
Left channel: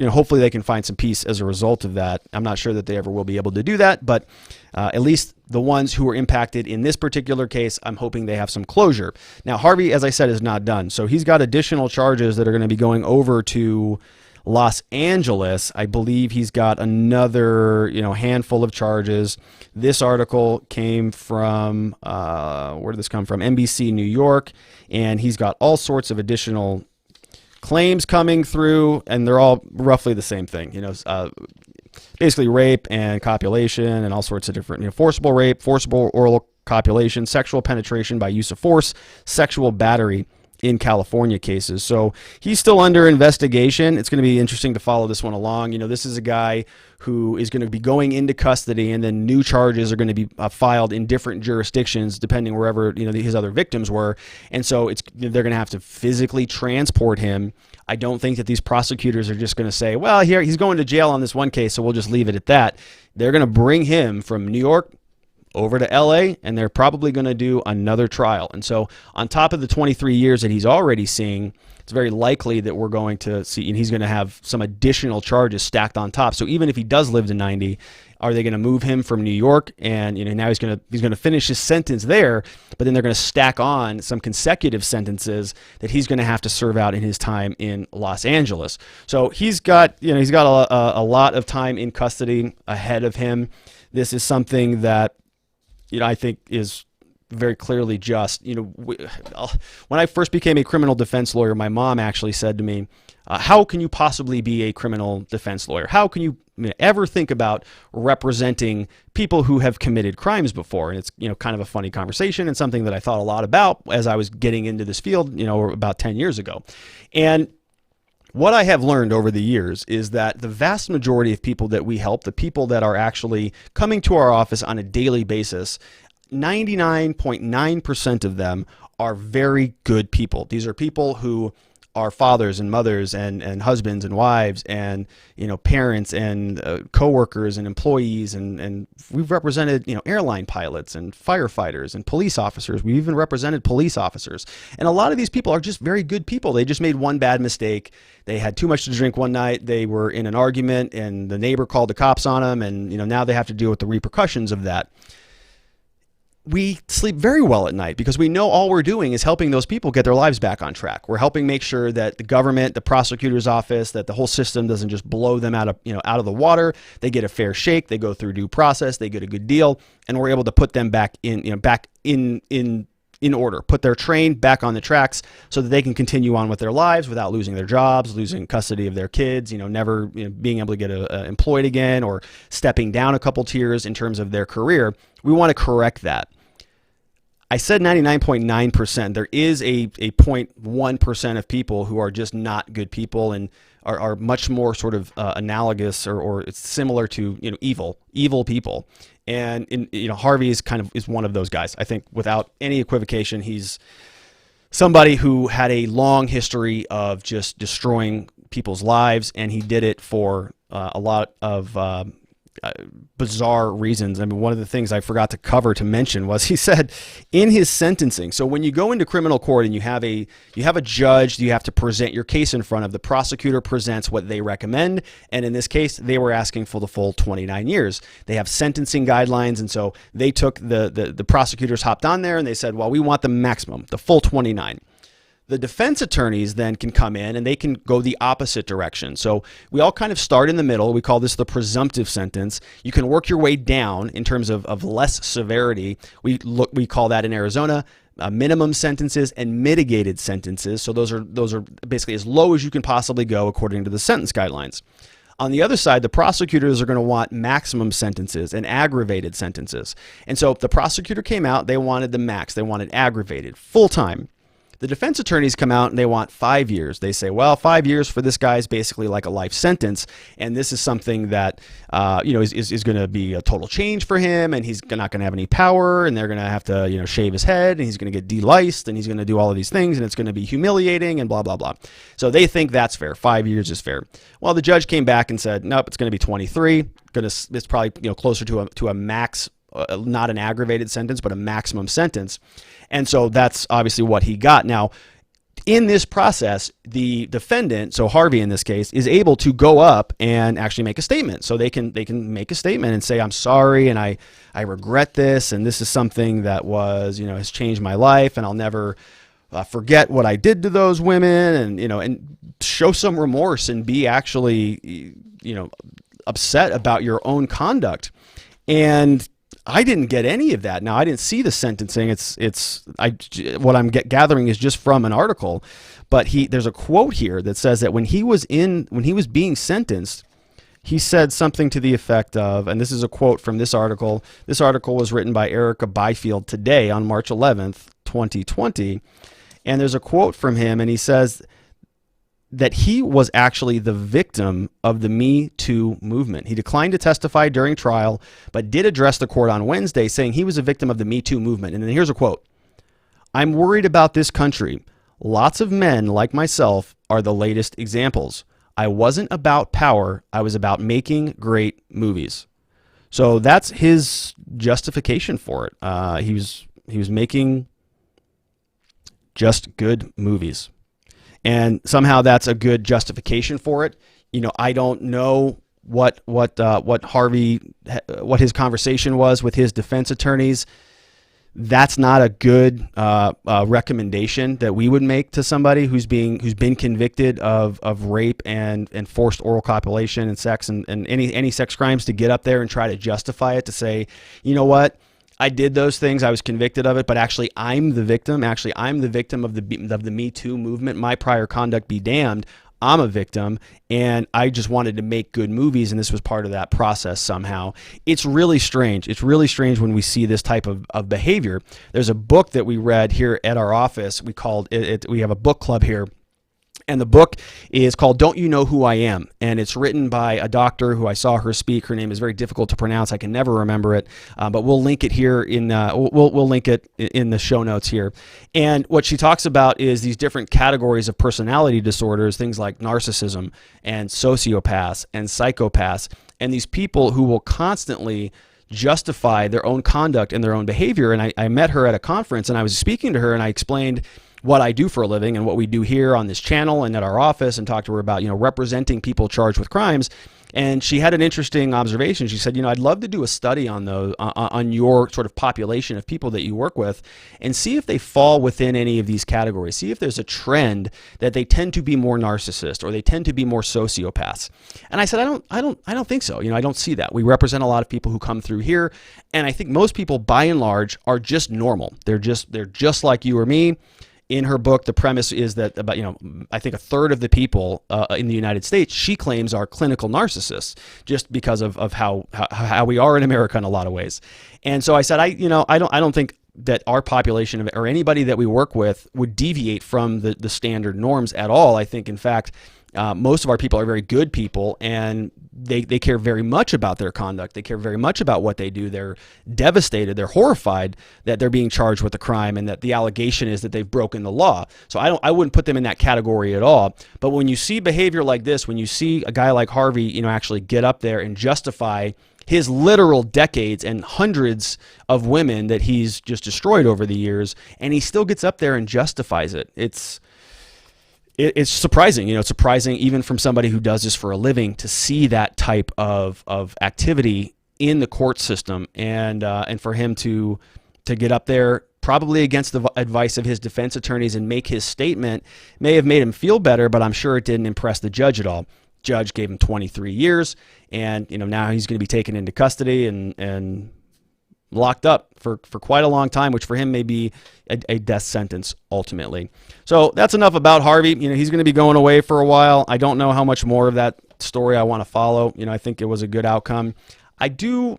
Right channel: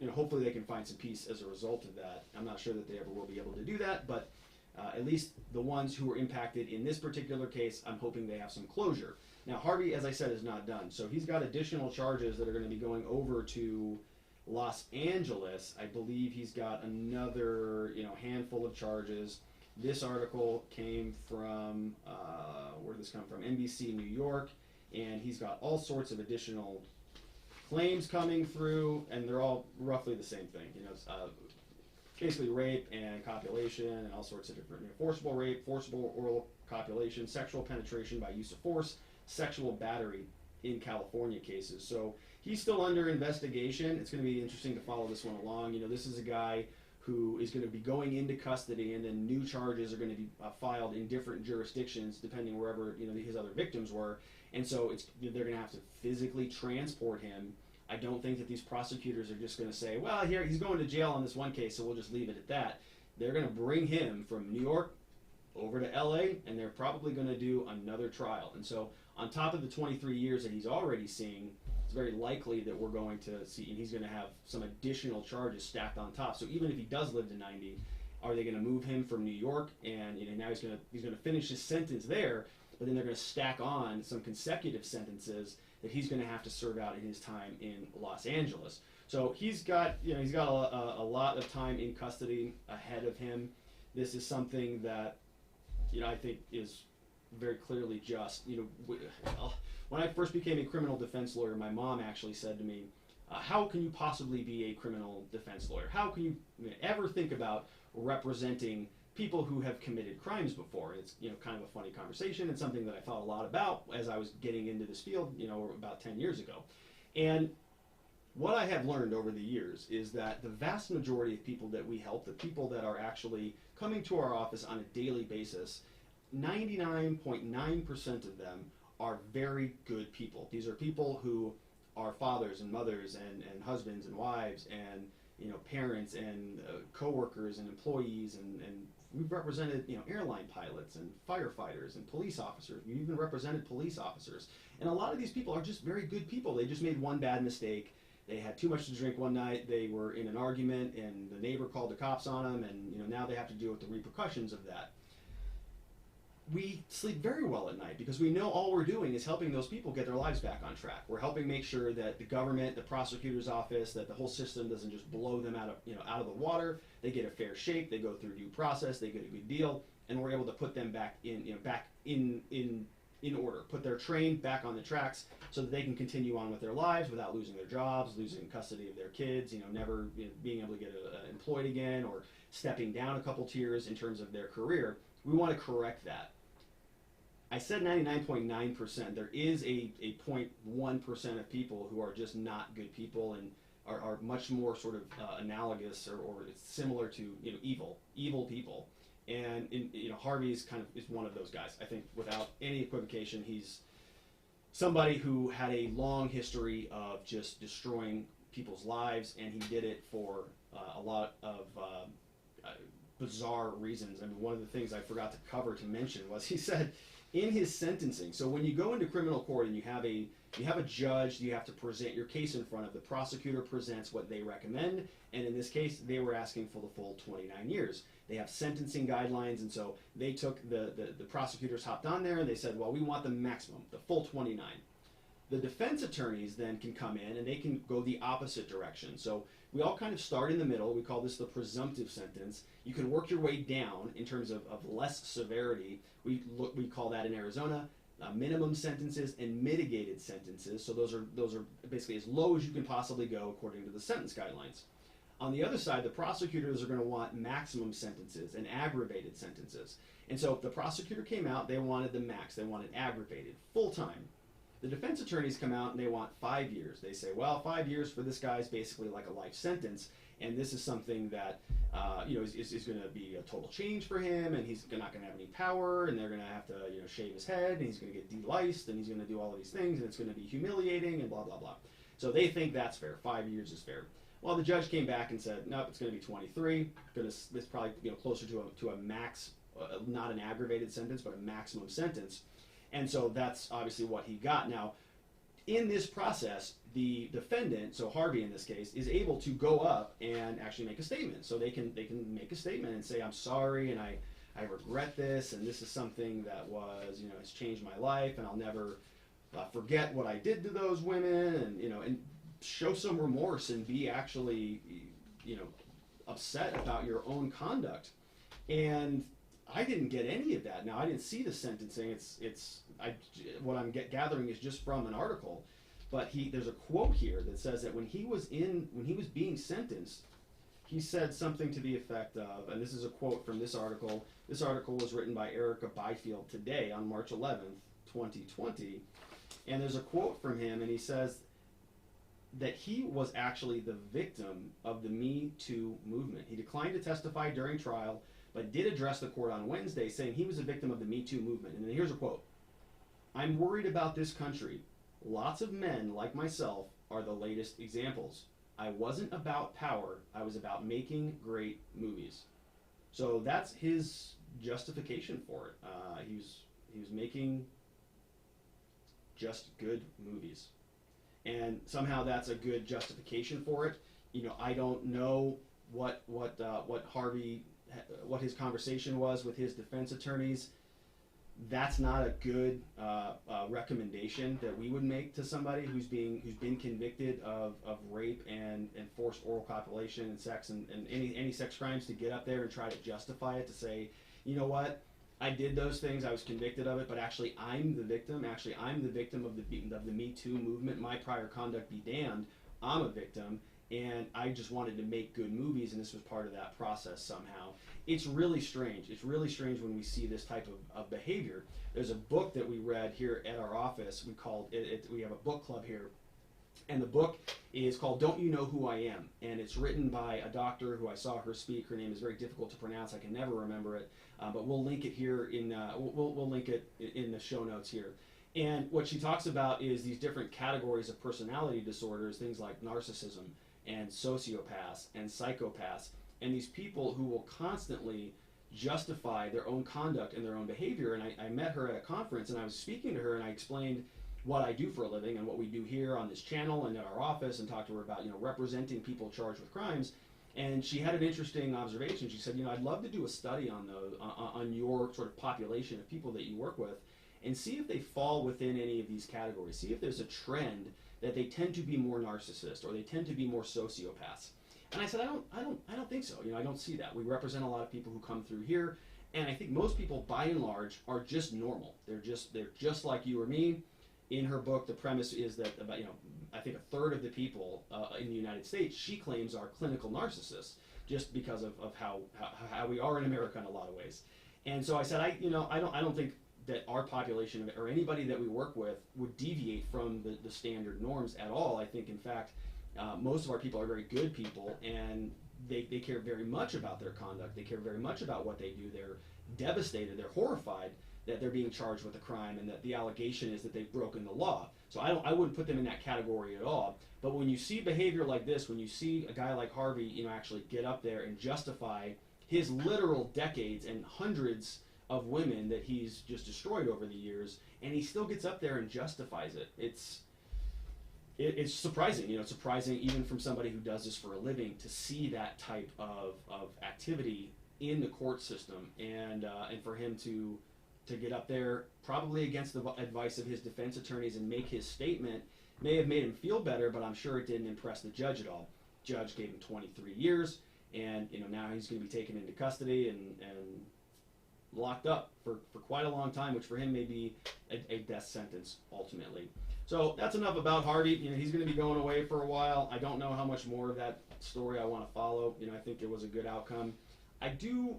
hopefully they can find some peace as a result of that. I'm not sure that they ever will be able to do that, but at least the ones who were impacted in this particular case, I'm hoping they have some closure. Now, Harvey, as I said, is not done. So he's got additional charges that are going to be going over to Los Angeles. I believe he's got another, handful of charges. This article came from, where did this come from? NBC New York. And he's got all sorts of additional claims coming through, and they're all roughly the same thing. Basically rape and copulation and all sorts of different, forcible rape, forcible oral copulation, sexual penetration by use of force, sexual battery in California cases. So he's still under investigation. It's going to be interesting to follow this one along. This is a guy who is going to be going into custody, and then new charges are going to be filed in different jurisdictions depending wherever his other victims were. And so they're going to have to physically transport him. I don't think that these prosecutors are just going to say, well, here he's going to jail on this one case, so we'll just leave it at that. They're going to bring him from New York over to LA, and they're probably going to do another trial. And so on top of the 23 years that he's already seeing, it's very likely that we're going to see, and he's going to have some additional charges stacked on top. So even if he does live to 90, are they going to move him from New York? And now he's going to finish his sentence there, but then they're going to stack on some consecutive sentences that he's going to have to serve out in his time in Los Angeles. So he's got a lot of time in custody ahead of him. This is something that I think is very clearly just. When I first became a criminal defense lawyer, my mom actually said to me, how can you possibly be a criminal defense lawyer? How can you ever think about representing people who have committed crimes before? And it's kind of a funny conversation, and something that I thought a lot about as I was getting into this field about 10 years ago. And what I have learned over the years is that the vast majority of people that we help, the people that are actually coming to our office on a daily basis, 99.9% of them are very good people. These are people who our fathers and mothers and husbands and wives and, parents and coworkers and employees. And we've represented, airline pilots and firefighters and police officers. We've even represented police officers. And a lot of these people are just very good people. They just made one bad mistake. They had too much to drink one night. They were in an argument and the neighbor called the cops on them. And, now they have to deal with the repercussions of that. We sleep very well at night because we know all we're doing is helping those people get their lives back on track. We're helping make sure that the government, the prosecutor's office, that the whole system doesn't just blow them out of the water. They get a fair shake. They go through due process. They get a good deal, and we're able to put them back in order, put their train back on the tracks so that they can continue on with their lives without losing their jobs, losing custody of their kids, never being able to get employed again or stepping down a couple tiers in terms of their career. We want to correct that. I said 99.9%. There is a 0.1% of people who are just not good people and are much more sort of analogous or it's similar to evil people. And Harvey is one of those guys. I think without any equivocation, he's somebody who had a long history of just destroying people's lives, and he did it for a lot of bizarre reasons. I mean, one of the things I forgot to mention was he said in his sentencing. So when you go into criminal court and you have a judge, you have to present your case in front of. The prosecutor presents what they recommend, and in this case, they were asking for the full 29 years. They have sentencing guidelines, and so they took the prosecutors hopped on there and they said, well, we want the maximum, the full 29. The defense attorneys then can come in and they can go the opposite direction. So we all kind of start in the middle. We call this the presumptive sentence. You can work your way down in terms of less severity. We call that in Arizona minimum sentences and mitigated sentences. So those are basically as low as you can possibly go according to the sentence guidelines. On the other side, the prosecutors are going to want maximum sentences and aggravated sentences. And so if the prosecutor came out, they wanted the max. They wanted aggravated, full time. The defense attorneys come out and they want 5 years. They say, well, 5 years for this guy is basically like a life sentence. And this is something that, is going to be a total change for him. And he's not going to have any power. And they're going to have to, shave his head. And he's going to get deliced. And he's going to do all of these things. And it's going to be humiliating and blah, blah, blah. So they think that's fair. 5 years is fair. Well, the judge came back and said, nope, it's going to be 23. It's probably closer to a max, not an aggravated sentence, but a maximum sentence. And so that's obviously what he got. Now, in this process, the defendant, so Harvey in this case, is able to go up and actually make a statement. So they can make a statement and say, I'm sorry, and I regret this, and this is something that has changed my life, and I'll never forget what I did to those women, and show some remorse and be actually, upset about your own conduct. And I didn't get any of that. Now, I didn't see the sentencing. What I'm gathering is just from an article, but there's a quote here that says that when he was being sentenced, he said something to the effect of, and this is a quote from this article. This article was written by Erica Byfield today on March 11th, 2020. And there's a quote from him, and he says that he was actually the victim of the Me Too movement. He declined to testify during trial, but did address the court on Wednesday, saying he was a victim of the Me Too movement. And then here's a quote. I'm worried about this country. Lots of men like myself are the latest examples. I wasn't about power. I was about making great movies. So that's his justification for it. He was making just good movies. And somehow that's a good justification for it. I don't know what Harvey, what his conversation was with his defense attorneys. That's not a good recommendation that we would make to somebody who's been convicted of rape and forced oral copulation and sex and any sex crimes, to get up there and try to justify it, to say, you know what? I did those things. I was convicted of it, but actually I'm the victim. Actually, I'm the victim of the Me Too movement. My prior conduct be damned. I'm a victim, and I just wanted to make good movies, and this was part of that process somehow. It's really strange. It's really strange when we see this type of behavior. There's a book that we read here at our office. We called it, we have a book club here, And the book is called Don't You Know Who I Am? And it's written by a doctor who I saw her speak. Her name is very difficult to pronounce. I can never remember it, but we'll link it here we'll link it in the show notes here. And what she talks about is these different categories of personality disorders, things like narcissism and sociopaths and psychopaths, and these people who will constantly justify their own conduct and their own behavior. And I met her at a conference, and I was speaking to her, and I explained what I do for a living and what we do here on this channel and at our office, and talked to her about, representing people charged with crimes. And she had an interesting observation. She said, I'd love to do a study on those, on your sort of population of people that you work with, and see if they fall within any of these categories. See if there's a trend that they tend to be more narcissist or they tend to be more sociopaths. And I said, I don't think so. I don't see that. We represent a lot of people who come through here, and I think most people, by and large, are just normal. They're just like you or me. In her book, the premise is that about, I think a third of the people in the United States, she claims, are clinical narcissists, just because of how we are in America in a lot of ways. And so I said, I don't think that our population or anybody that we work with would deviate from the standard norms at all. I think, in fact, most of our people are very good people, and they care very much about their conduct. They care very much about what they do. They're devastated. They're horrified that they're being charged with a crime and that the allegation is that they've broken the law. So I wouldn't put them in that category at all. But when you see behavior like this, when you see a guy like Harvey, actually get up there and justify his literal decades and hundreds of women that he's just destroyed over the years, and he still gets up there and justifies it, it's surprising. It's surprising even from somebody who does this for a living to see that type of activity in the court system, and for him to get up there, probably against the advice of his defense attorneys, and make his statement. May have made him feel better, but I'm sure it didn't impress the judge at all. Judge gave him 23 years, and now he's going to be taken into custody and locked up for quite a long time, which for him may be a death sentence ultimately. So that's enough about Harvey. He's going to be going away for a while. I don't know how much more of that story I want to follow. I think it was a good outcome. I do,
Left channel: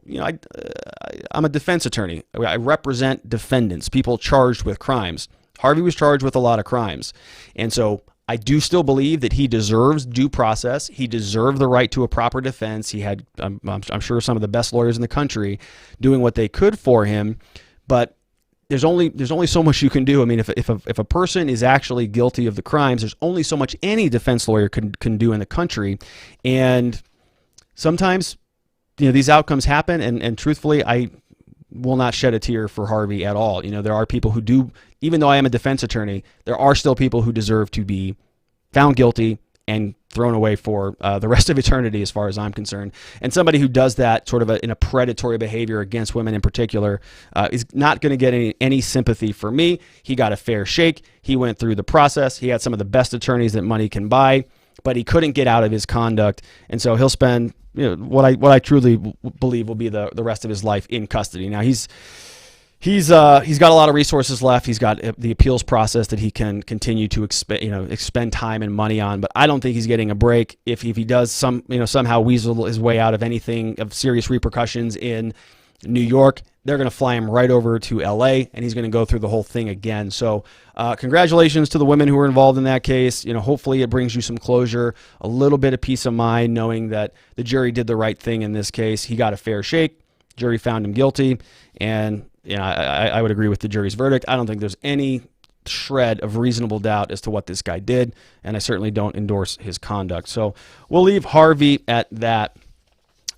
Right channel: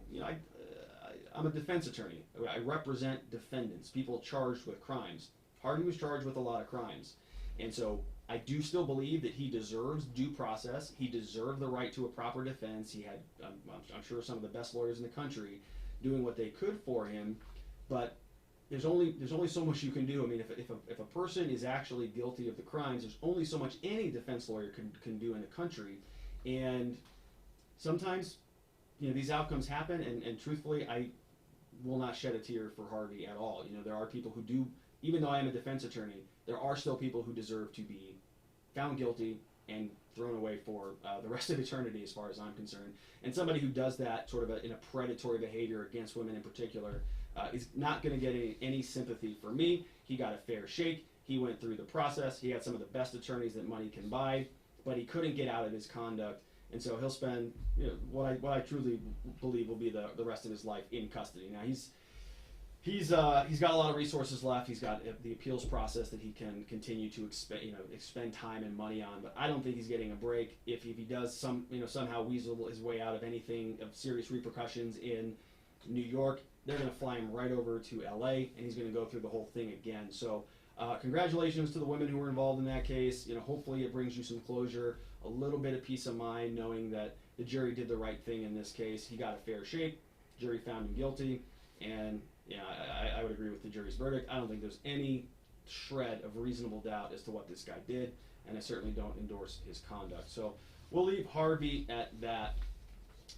I'm a defense attorney. I represent defendants, people charged with crimes. Harvey was charged with a lot of crimes. And so I do still believe that he deserves due process. He deserved the right to a proper defense. He had, I'm sure, some of the best lawyers in the country doing what they could for him. But there's only so much you can do. I mean, if a person is actually guilty of the crimes, there's only so much any defense lawyer can do in the country. And sometimes, these outcomes happen. And truthfully, I will not shed a tear for Harvey at all. There are people who do, even though I am a defense attorney, there are still people who deserve to be found guilty and thrown away for the rest of eternity, as far as I'm concerned. And somebody who does that sort of in a predatory behavior against women in particular is not going to get any sympathy for me. He got a fair shake. He went through the process. He had some of the best attorneys that money can buy, but he couldn't get out of his conduct. And so he'll spend what I truly believe will be the rest of his life in custody. Now He's got a lot of resources left. He's got the appeals process that he can continue to expend time and money on. But I don't think he's getting a break if he does somehow weasel his way out of anything of serious repercussions in New York. They're going to fly him right over to L.A. and he's going to go through the whole thing again. So congratulations to the women who were involved in that case. Hopefully it brings you some closure, a little bit of peace of mind, knowing that the jury did the right thing in this case. He got a fair shake. Jury found him guilty, and I would agree with the jury's verdict. I don't think there's any shred of reasonable doubt as to what this guy did, and I certainly don't endorse his conduct. So we'll leave Harvey at that.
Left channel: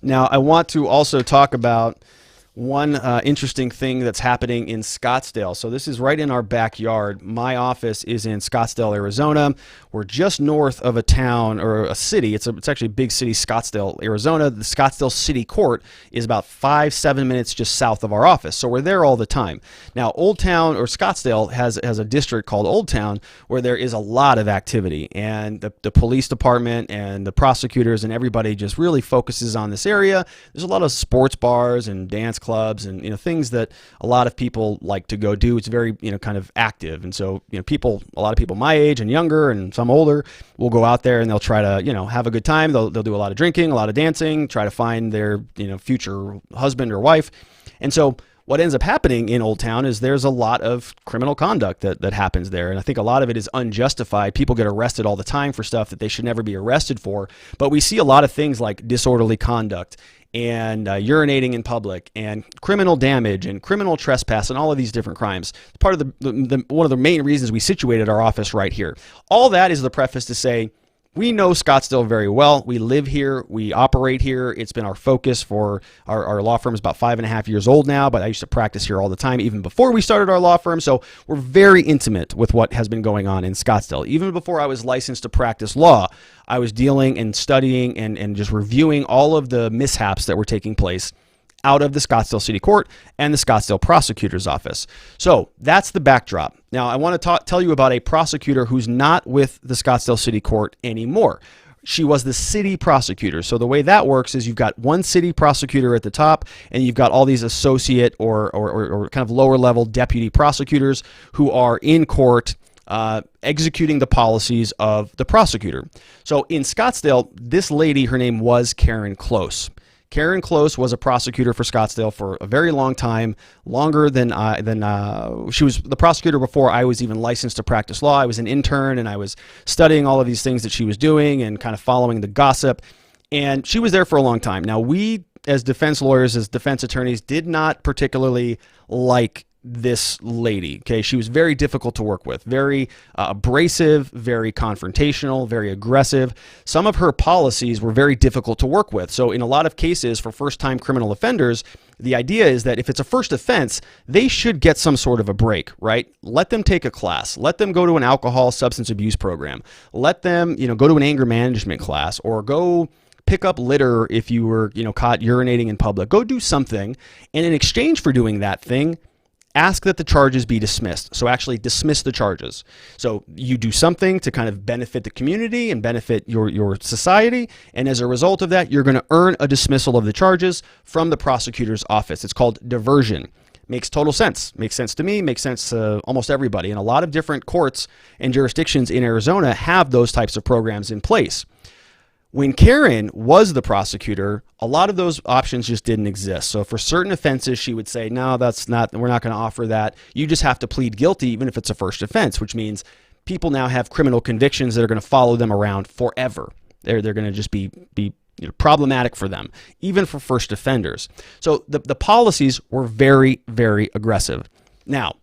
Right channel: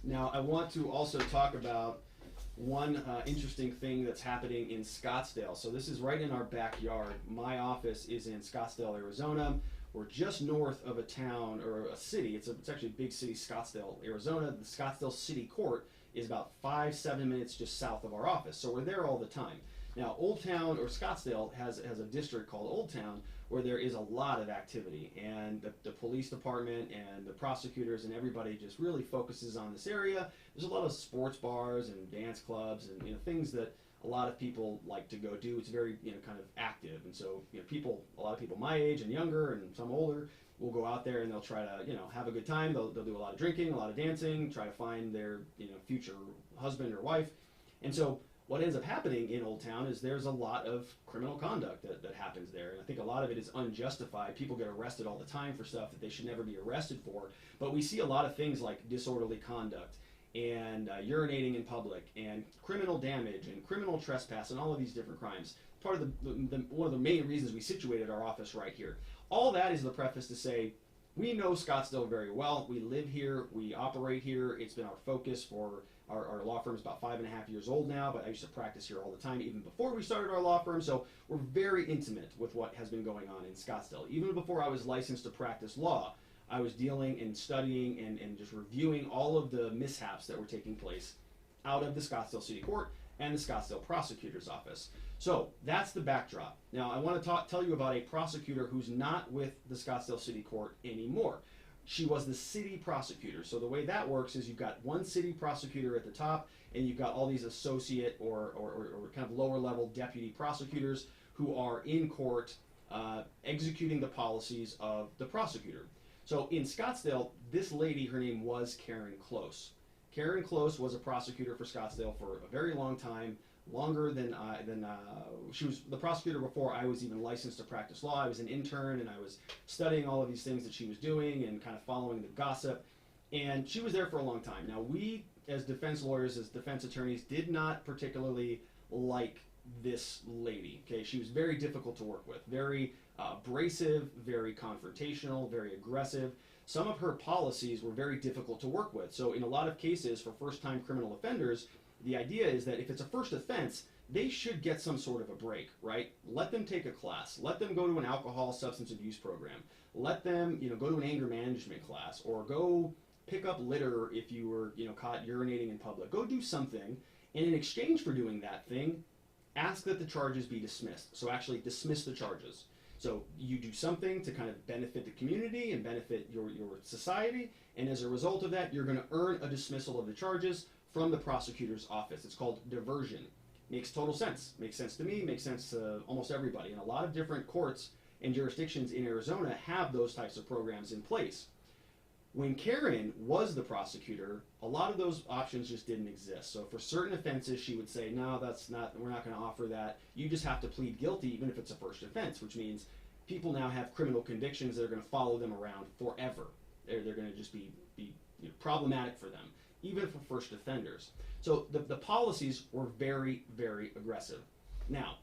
Now, I want to also talk about one interesting thing that's happening in Scottsdale. So this is right in our backyard. My office is in Scottsdale, Arizona. We're just north of a town or a city. It's actually a big city, Scottsdale, Arizona. The Scottsdale City Court is about 5-7 minutes just south of our office. So we're there all the time. Now, Old Town or Scottsdale has a district called Old Town where there is a lot of activity, and the police department and the prosecutors and everybody just really focuses on this area. There's a lot of sports bars and dance clubs and things that a lot of people like to go do. It's very kind of active, and so a lot of people my age and younger and some older will go out there and they'll try to have a good time. They'll do a lot of drinking, a lot of dancing, try to find their future husband or wife. And so What ends up happening in Old Town is there's a lot of criminal conduct that happens there. And I think a lot of it is unjustified. People get arrested all the time for stuff that they should never be arrested for. But we see a lot of things like disorderly conduct and urinating in public and criminal damage and criminal trespass and all of these different crimes. Part of one of the main reasons we situated our office right here. All that is the preface to say, we know Scottsdale very well. We live here. We operate here. It's been our focus for our law firm is about 5.5 years old now, but I used to practice here all the time, even before we started our law firm. So we're very intimate with what has been going on in Scottsdale. Even before I was licensed to practice law, I was dealing and studying and just reviewing all of the mishaps that were taking place out of the Scottsdale City Court and the Scottsdale Prosecutor's Office. So that's the backdrop. Now, I want to tell you about a prosecutor who's not with the Scottsdale City Court anymore. She was the city prosecutor. So the way that works is you've got one city prosecutor at the top, and you've got all these associate or kind of lower level deputy prosecutors who are in court executing the policies of the prosecutor. So in Scottsdale, this lady, her name was Karen Close. Karen Close was a prosecutor for Scottsdale for a very long time, longer than she was the prosecutor before I was even licensed to practice law. I was an intern, and I was studying all of these things that she was doing and kind of following the gossip. And she was there for a long time. Now, we as defense lawyers, as defense attorneys, did not particularly like this lady. Okay, she was very difficult to work with, very abrasive, very confrontational, very aggressive. Some of her policies were very difficult to work with. So in a lot of cases for first-time criminal offenders, the idea is that if it's a first offense, they should get some sort of a break, right? Let them take a class. Let them go to an alcohol substance abuse program. Let them, go to an anger management class, or go pick up litter if you were, caught urinating in public. Go do something, and in exchange for doing that thing, ask that the charges be dismissed. So actually dismiss the charges. So you do something to kind of benefit the community and benefit your society. And as a result of that, you're going to earn a dismissal of the charges from the prosecutor's office. It's called diversion. Makes total sense. Makes sense to me, makes sense to almost everybody. And a lot of different courts and jurisdictions in Arizona have those types of programs in place. When Karen was the prosecutor, a lot of those options just didn't exist. So for certain offenses, she would say, no, we're not going to offer that. You just have to plead guilty, even if it's a first offense, which means people now have criminal convictions that are going to follow them around forever. They're going to just be problematic for them, even for first offenders. So the policies were very, very aggressive. Now,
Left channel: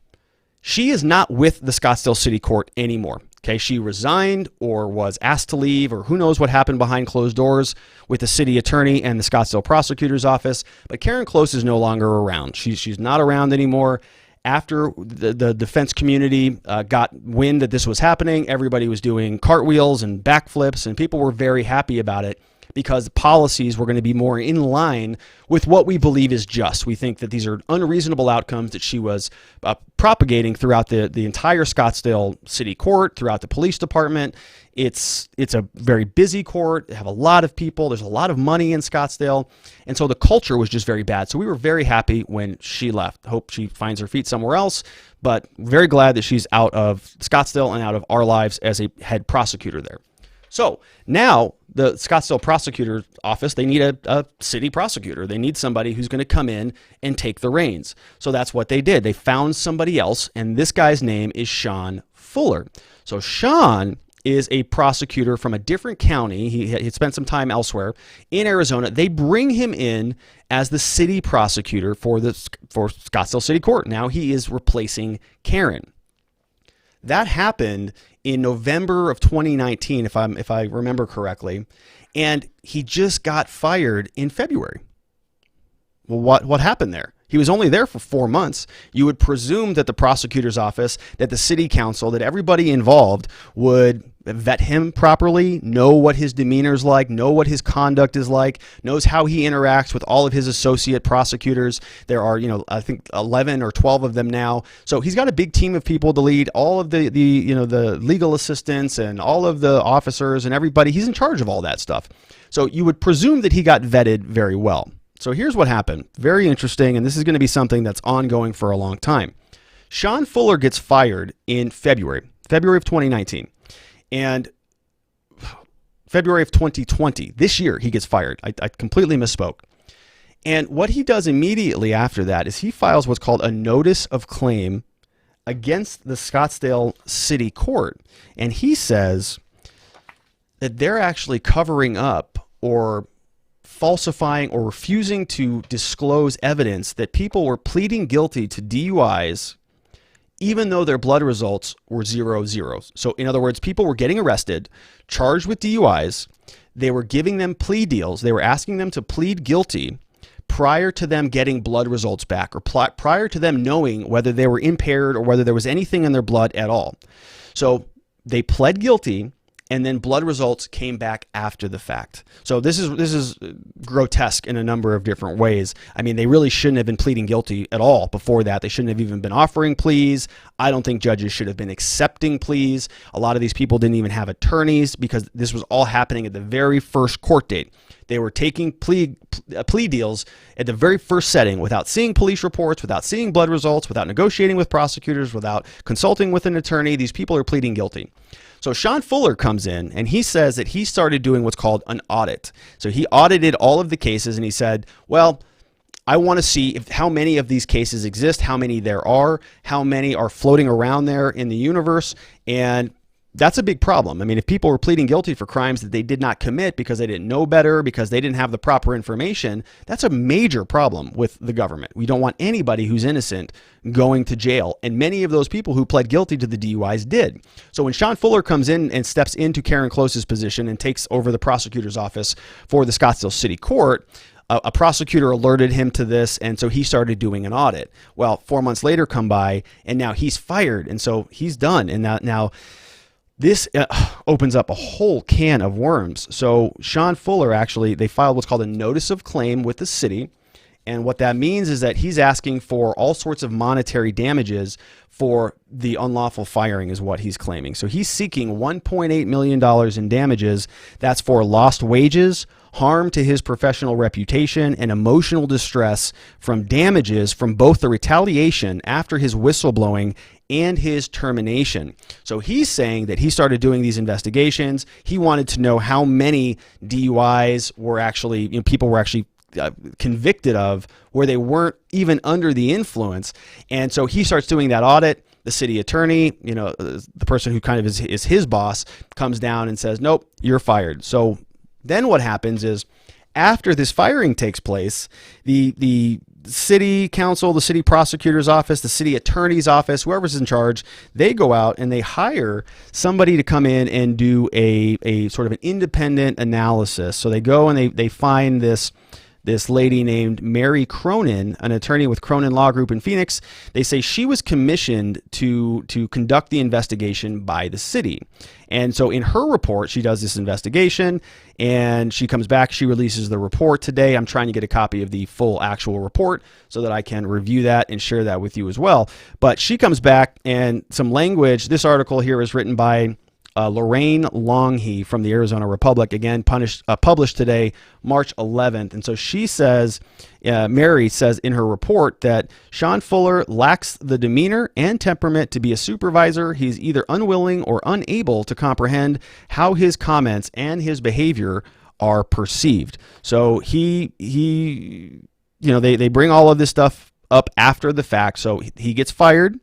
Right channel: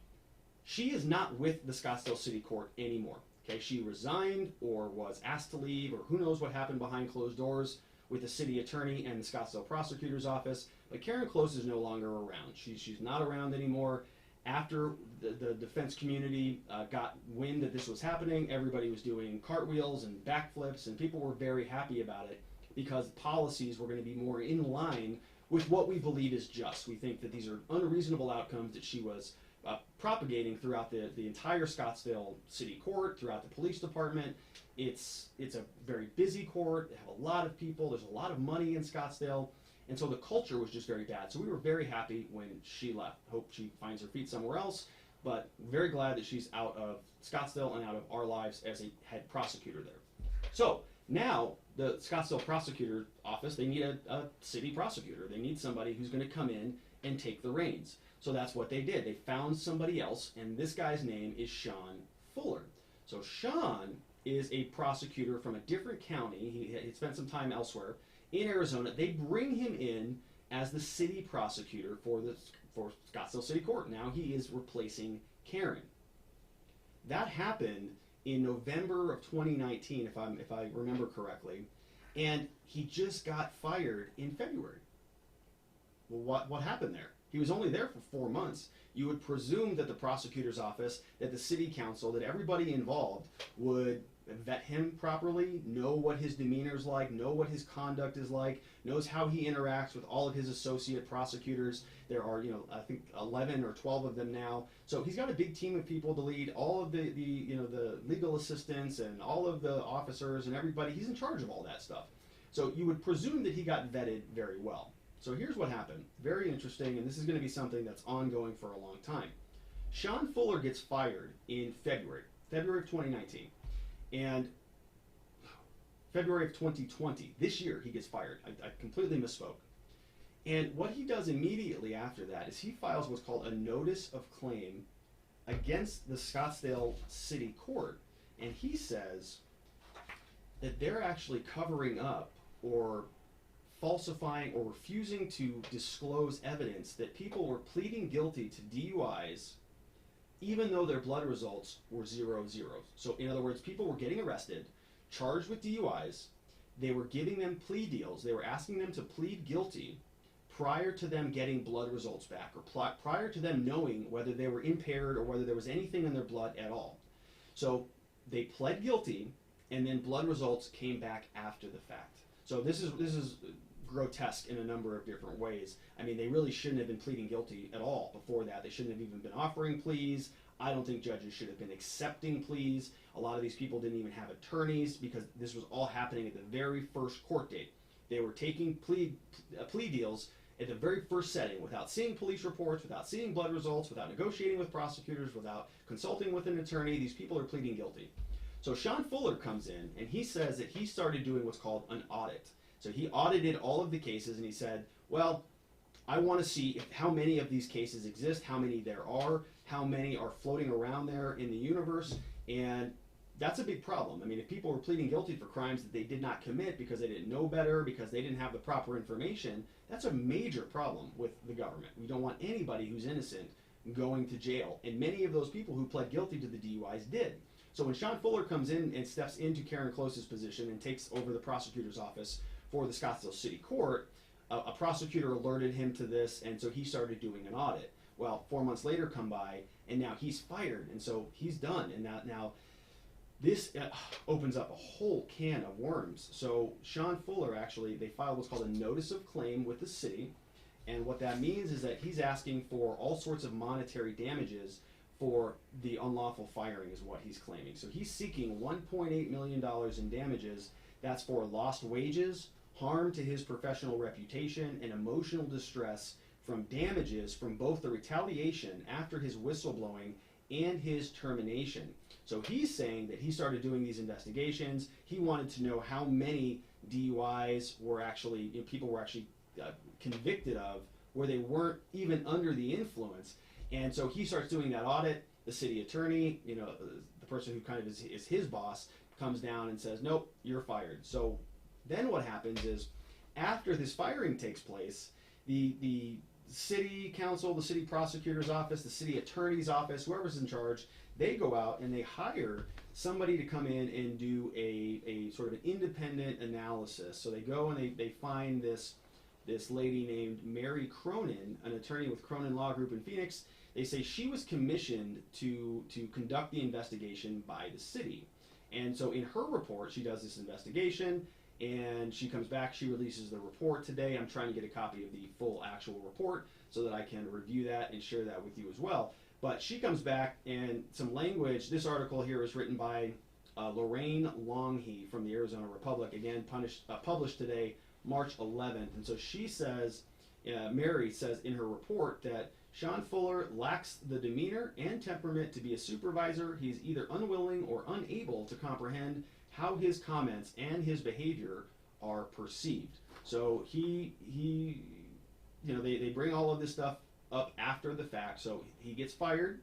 she is not with the Scottsdale City Court anymore. Okay, she resigned or was asked to leave, or who knows what happened behind closed doors with the city attorney and the Scottsdale prosecutor's office. But Karen Close is no longer around. She's not around anymore. After the defense community got wind that this was happening, everybody was doing cartwheels and backflips, and people were very happy about it, because policies were going to be more in line with what we believe is just. We think that these are unreasonable outcomes that she was propagating throughout the entire Scottsdale City Court, throughout the police department. It's a very busy court. They have a lot of people. There's a lot of money in Scottsdale. And so the culture was just very bad. So we were very happy when she left. Hope she finds her feet somewhere else, but very glad that she's out of Scottsdale and out of our lives as a head prosecutor there. So now the Scottsdale prosecutor's office, they need a city prosecutor. They need somebody who's going to come in and take the reins. So that's what they did. They found somebody else, and this guy's name is Sean Fuller. So Sean is a prosecutor from a different county. He spent some time elsewhere in Arizona. They bring him in as the city prosecutor for Scottsdale City Court. Now he is replacing Karen. That happened in November of 2019, if I remember correctly, and he just got fired in February. Well, what happened there? He was only there for 4 months. You would presume that the prosecutor's office, that the city council, that everybody involved would vet him properly, know what his demeanor is like, know what his conduct is like, knows how he interacts with all of his associate prosecutors. There are, I think 11 or 12 of them now. So he's got a big team of people to lead, all of the legal assistants and all of the officers and everybody. He's in charge of all that stuff. So you would presume that he got vetted very well. So here's what happened. Very interesting, and this is going to be something that's ongoing for a long time. Sean Fuller gets fired in February of 2019. And February of 2020, this year, he gets fired. I completely misspoke. And what he does immediately after that is he files what's called a notice of claim against the Scottsdale City Court. And he says that they're actually covering up or falsifying or refusing to disclose evidence that people were pleading guilty to DUIs even though their blood results were 0-0. So in other words, people were getting arrested, charged with DUIs. They were giving them plea deals. They were asking them to plead guilty prior to them getting blood results back, or prior to them knowing whether they were impaired or whether there was anything in their blood at all. So they pled guilty, and then blood results came back after the fact. So this is grotesque in a number of different ways. I mean, they really shouldn't have been pleading guilty at all before that. They shouldn't have even been offering pleas. I don't think judges should have been accepting pleas. A lot of these people didn't even have attorneys because this was all happening at the very first court date. They were taking plea deals at the very first setting without seeing police reports, without seeing blood results, without negotiating with prosecutors, without consulting with an attorney. These people are pleading guilty. So Sean Fuller comes in and he says that he started doing what's called an audit. So he audited all of the cases and he said, well, I want to see how many of these cases exist, how many there are, how many are floating around there in the universe. And that's a big problem. I mean, if people were pleading guilty for crimes that they did not commit because they didn't know better, because they didn't have the proper information, that's a major problem with the government. We don't want anybody who's innocent going to jail. And many of those people who pled guilty to the DUIs did. So when Sean Fuller comes in and steps into Karen Close's position and takes over the prosecutor's office for the Scottsdale City Court, a prosecutor alerted him to this, and so he started doing an audit. Well, 4 months later come by, and now he's fired, and so he's done. And now this opens up a whole can of worms. So Sean Fuller, actually, they filed what's called a notice of claim with the city. And what that means is that he's asking for all sorts of monetary damages for the unlawful firing is what he's claiming. So he's seeking $1.8 million in damages. That's for lost wages, harm to his professional reputation, and emotional distress from damages from both the retaliation after his whistleblowing and his termination. So he's saying that he started doing these investigations. He wanted to know how many DUIs were actually, people were actually convicted of where they weren't even under the influence. And so he starts doing that audit. The city attorney, the person who kind of is his boss, comes down and says, nope, you're fired. So then what happens is after this firing takes place, the city council, the city prosecutor's office, the city attorney's office, whoever's in charge, they go out and they hire somebody to come in and do a sort of an independent analysis. So they go and they find this lady named Mary Cronin, an attorney with Cronin Law Group in Phoenix. They say she was commissioned to conduct the investigation by the city. And so in her report, she does this investigation and she comes back, she releases the report today. I'm trying to get a copy of the full actual report so that I can review that and share that with you as well. But she comes back and some language, this article here is written by Lorraine Longhe from the Arizona Republic, again, published today, March 11th. And so she says, Mary says in her report that Sean Fuller lacks the demeanor and temperament to be a supervisor. He's either unwilling or unable to comprehend how his comments and his behavior are perceived. So they bring all of this stuff up after the fact. So he gets fired.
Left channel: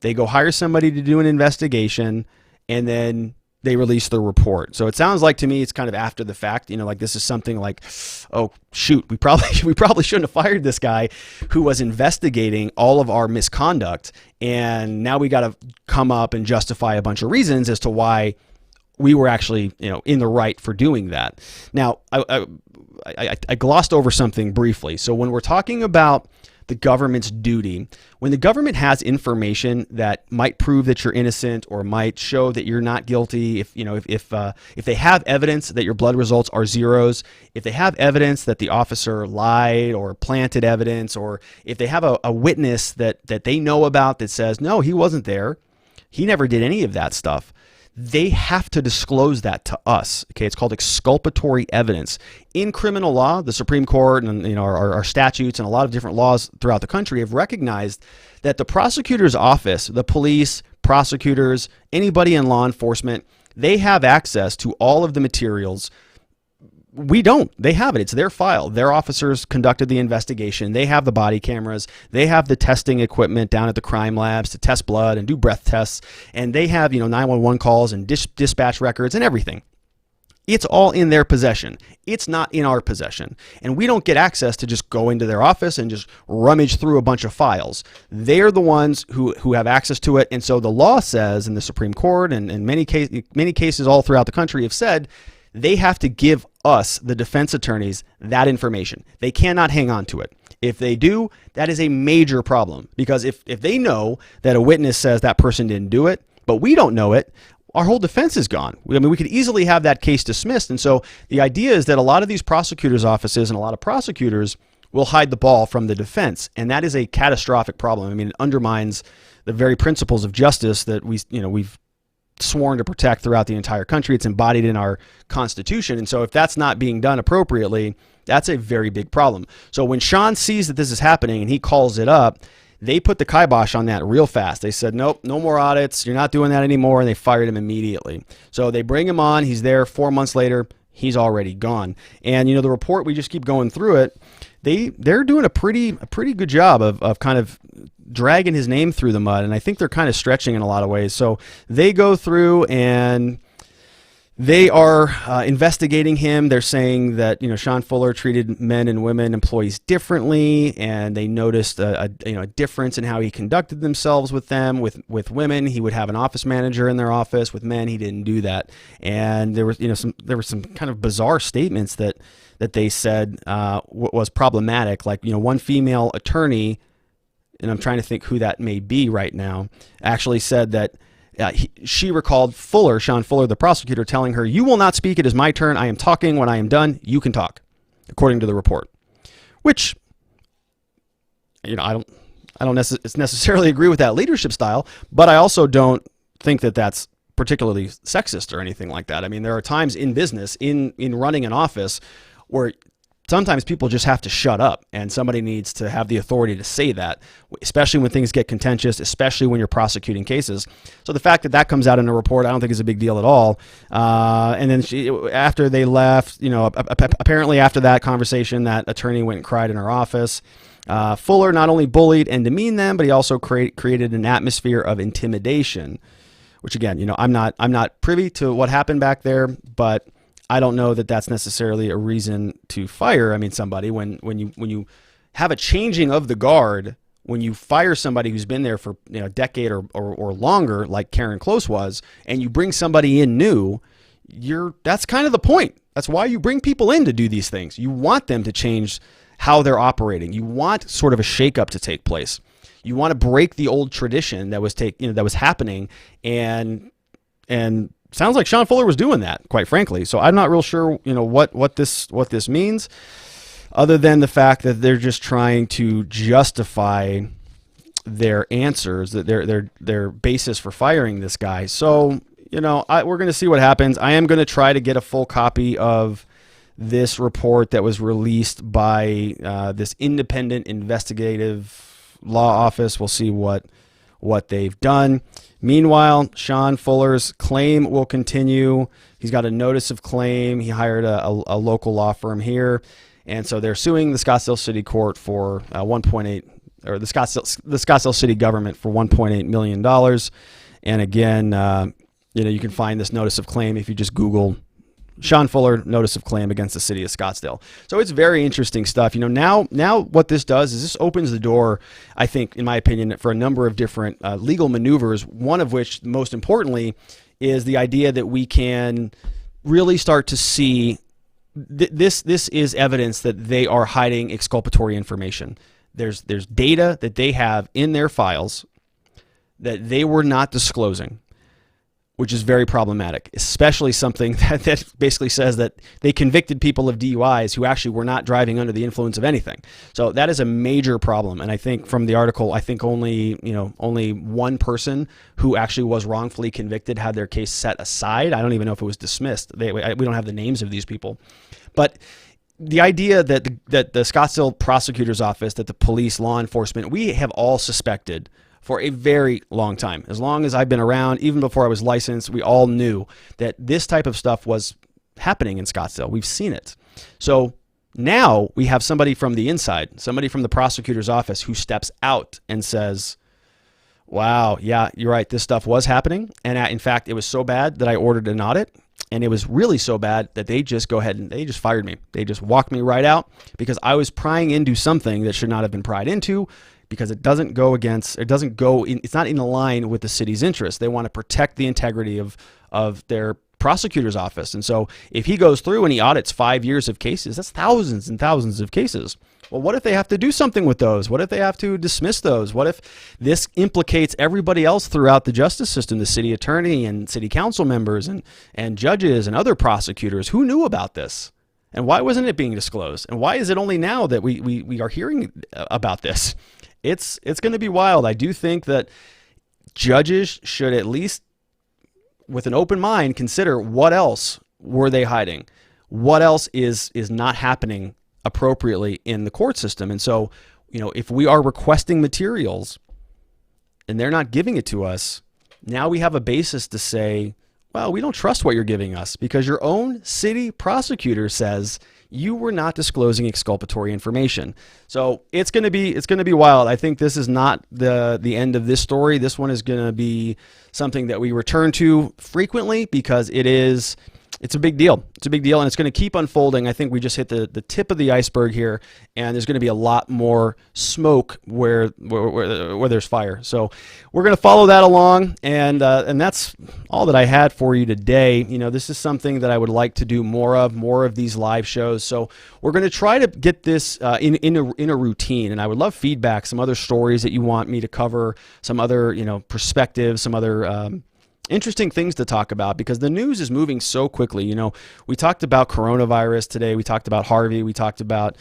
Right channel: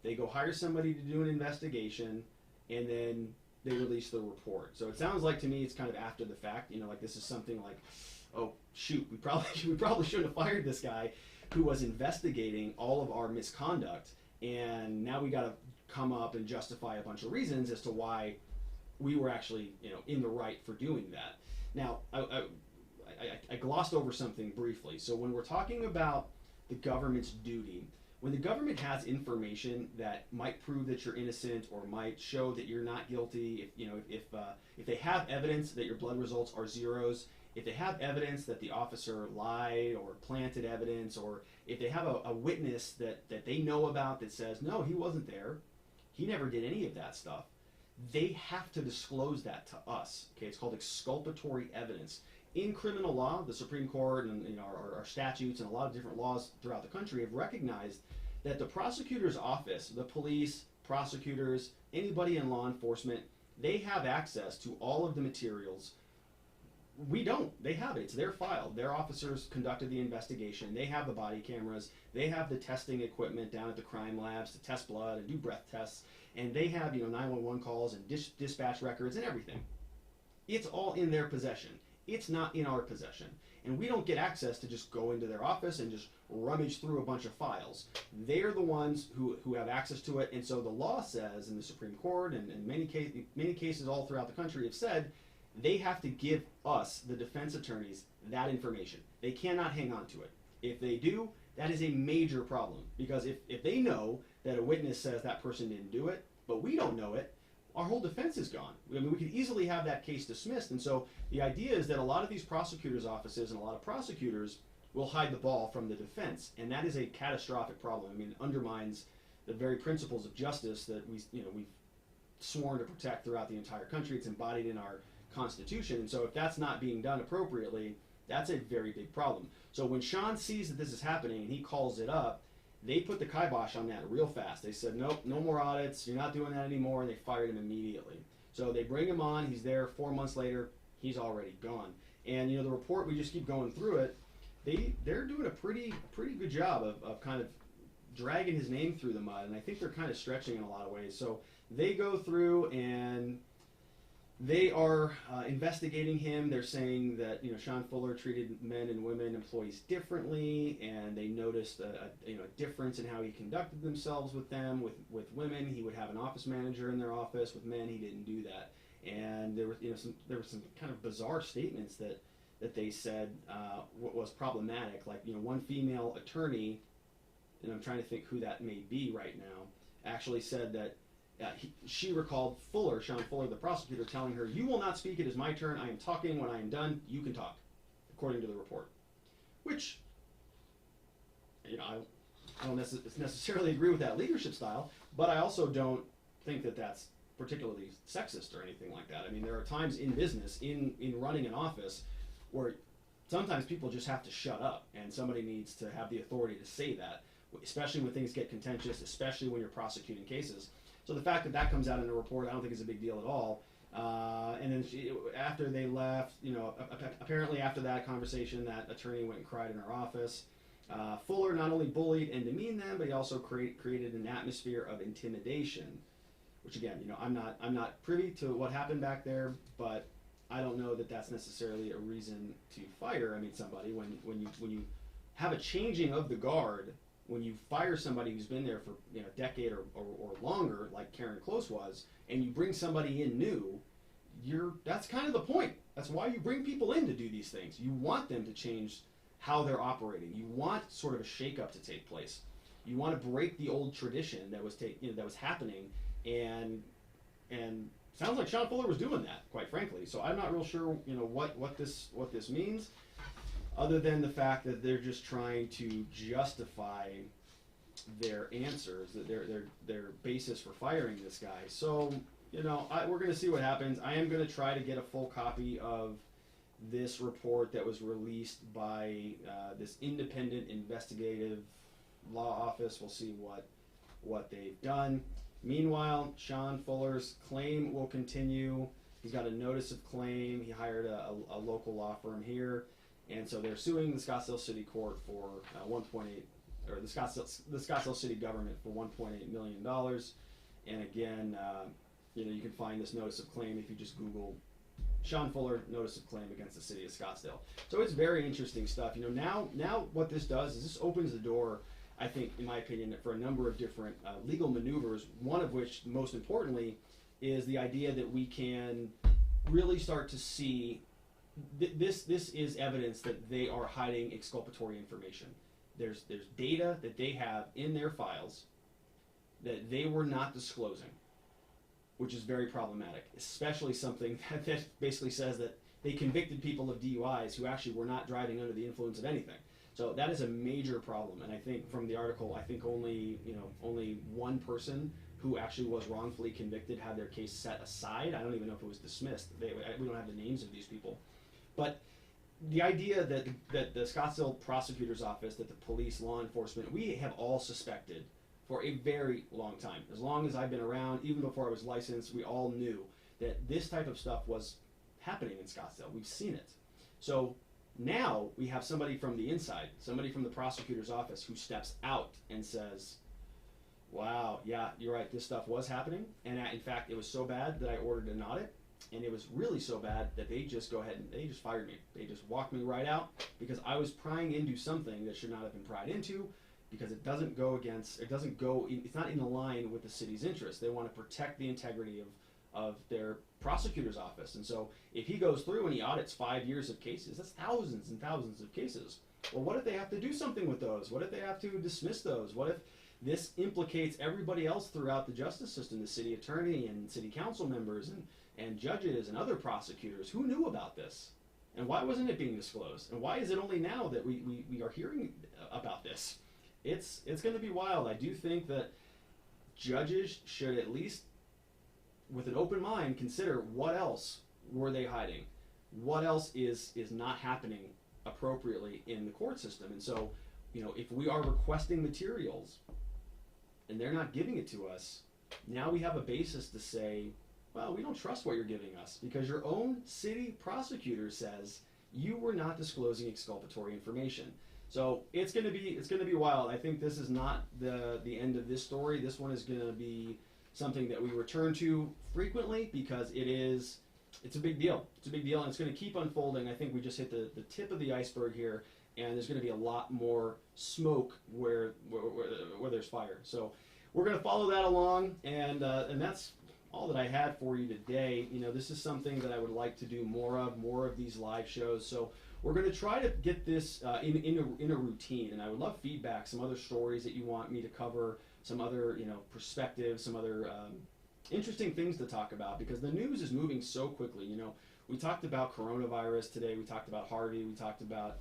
They go hire somebody to do an investigation, and then they release the report. So it sounds like to me it's kind of after the fact, like this is something like, oh shoot, we probably shouldn't have fired this guy who was investigating all of our misconduct, and now we got to come up and justify a bunch of reasons as to why we were actually in the right for doing that. Now I glossed over something briefly. So when we're talking about the government's duty, when the government has information that might prove that you're innocent or might show that you're not guilty, if they have evidence that your blood results are zeros, if they have evidence that the officer lied or planted evidence, or if they have a witness that they know about that says, no, he wasn't there, he never did any of that stuff, they have to disclose that to us. Okay, it's called exculpatory evidence. In criminal law, the Supreme Court and our statutes and a lot of different laws throughout the country have recognized that the prosecutor's office, the police, prosecutors, anybody in law enforcement, they have access to all of the materials We don't. They have it. It's their file. Their officers conducted the investigation. They have the body cameras. They have the testing equipment down at the crime labs to test blood and do breath tests. And they have, 911 calls and dispatch records and everything. It's all in their possession. It's not in our possession. And we don't get access to just go into their office and just rummage through a bunch of files. They're the ones who have access to it. And so the law says, and the Supreme Court and many cases all throughout the country have said, they have to give us, the defense attorneys, that information. They cannot hang on to it. If they do, that is a major problem, because if they know that a witness says that person didn't do it, but we don't know it, our whole defense is gone. I mean, we could easily have that case dismissed. And so the idea is that a lot of these prosecutors' offices and a lot of prosecutors will hide the ball from the defense. And that is a catastrophic problem. I mean, it undermines the very principles of justice that we've sworn to protect throughout the entire country. It's embodied in our Constitution. And so if that's not being done appropriately, that's a very big problem. So when Sean sees that this is happening and he calls it up, they put the kibosh on that real fast. They said, nope, no more audits. You're not doing that anymore. And they fired him immediately. So they bring him on. He's there 4 months later. He's already gone. And, the report, we just keep going through it. They're doing a pretty good job of kind of dragging his name through the mud. And I think they're kind of stretching in a lot of ways. So they go through and they are investigating him. They're saying that, Sean Fuller treated men and women employees differently, and they noticed a difference in how he conducted themselves with them. With women, he would have an office manager in their office. With men, he didn't do that. And there were some kind of bizarre statements that they said was problematic. Like, one female attorney, and I'm trying to think who that may be right now, actually said that she recalled Sean Fuller, the prosecutor, telling her, "You will not speak. It is my turn. I am talking. When I am done, you can talk," according to the report. Which, I don't necessarily agree with that leadership style, but I also don't think that that's particularly sexist or anything like that. I mean, there are times in business, in running an office, where sometimes people just have to shut up, and somebody needs to have the authority to say that, especially when things get contentious, especially when you're prosecuting cases. So the fact that that comes out in a report, I don't think is a big deal at all. And then after they left, apparently after that conversation, that attorney went and cried in her office. Fuller not only bullied and demeaned them, but he also created an atmosphere of intimidation, which again, I'm not privy to what happened back there, but I don't know that that's necessarily a reason to fire. I mean, somebody when you have a changing of the guard, when you fire somebody who's been there for a decade or longer, like Karen Close was, and you bring somebody in new, that's kind of the point. That's why you bring people in to do these things. You want them to change how they're operating. You want sort of a shakeup to take place. You want to break the old tradition that was happening, and sounds like Sean Fuller was doing that, quite frankly. So I'm not real sure, what this means, other than the fact that they're just trying to justify their answers, that their basis for firing this guy. So, we're going to see what happens. I am going to try to get a full copy of this report that was released by this independent investigative law office. We'll see what they've done. Meanwhile, Sean Fuller's claim will continue. He's got a notice of claim. He hired a local law firm here. And so they're suing the Scottsdale City Court for the Scottsdale City government for $1.8 million. And again, you can find this notice of claim if you just Google Sean Fuller notice of claim against the city of Scottsdale. So it's very interesting stuff. Now what this does is this opens the door, I think, in my opinion, for a number of different legal maneuvers, one of which, most importantly, is the idea that we can really start to see this is evidence that they are hiding exculpatory information. There's data that they have in their files that they were not disclosing, which is very problematic, especially something that basically says that they convicted people of DUIs who actually were not driving under the influence of anything. So that is a major problem. And I think from the article, only one person who actually was wrongfully convicted had their case set aside. I don't even know if it was dismissed. We don't have the names of these people. But the idea that the Scottsdale prosecutor's office, that the police, law enforcement, we have all suspected for a very long time. As long as I've been around, even before I was licensed, we all knew that this type of stuff was happening in Scottsdale. We've seen it. So now we have somebody from the inside, somebody from the prosecutor's office who steps out and says, wow, yeah, you're right, this stuff was happening. And in fact, it was so bad that I ordered an audit. And it was really so bad that they just go ahead and they just fired me. They just walked me right out because I was prying into something that should not have been pried into, because it doesn't go against, it's not in line with the city's interest. They want to protect the integrity of their prosecutor's office. And so if he goes through and he audits 5 years of cases, that's thousands and thousands of cases. Well, what if they have to do something with those? What if they have to dismiss those? What if this implicates everybody else throughout the justice system, the city attorney and city council members and judges and other prosecutors? Who knew about this? And why wasn't it being disclosed? And why is it only now that we are hearing about this? It's going to be wild. I do think that judges should at least, with an open mind, consider what else were they hiding? What else is not happening appropriately in the court system? And so, if we are requesting materials and they're not giving it to us, now we have a basis to say, well, we don't trust what you're giving us because your own city prosecutor says you were not disclosing exculpatory information. So it's going to be wild. I think this is not the end of this story. This one is going to be something that we return to frequently because it's a big deal. It's a big deal, and it's going to keep unfolding. I think we just hit the tip of the iceberg here, and there's going to be a lot more smoke where there's fire. So we're going to follow that along, and that's all that I had for you today. This is something that I would like to do more of these live shows. So we're going to try to get this in a routine, and I would love feedback, some other stories that you want me to cover, some other perspectives, some other interesting things to talk about, because the news is moving so quickly. We talked about coronavirus today. We talked about Harvey. We talked about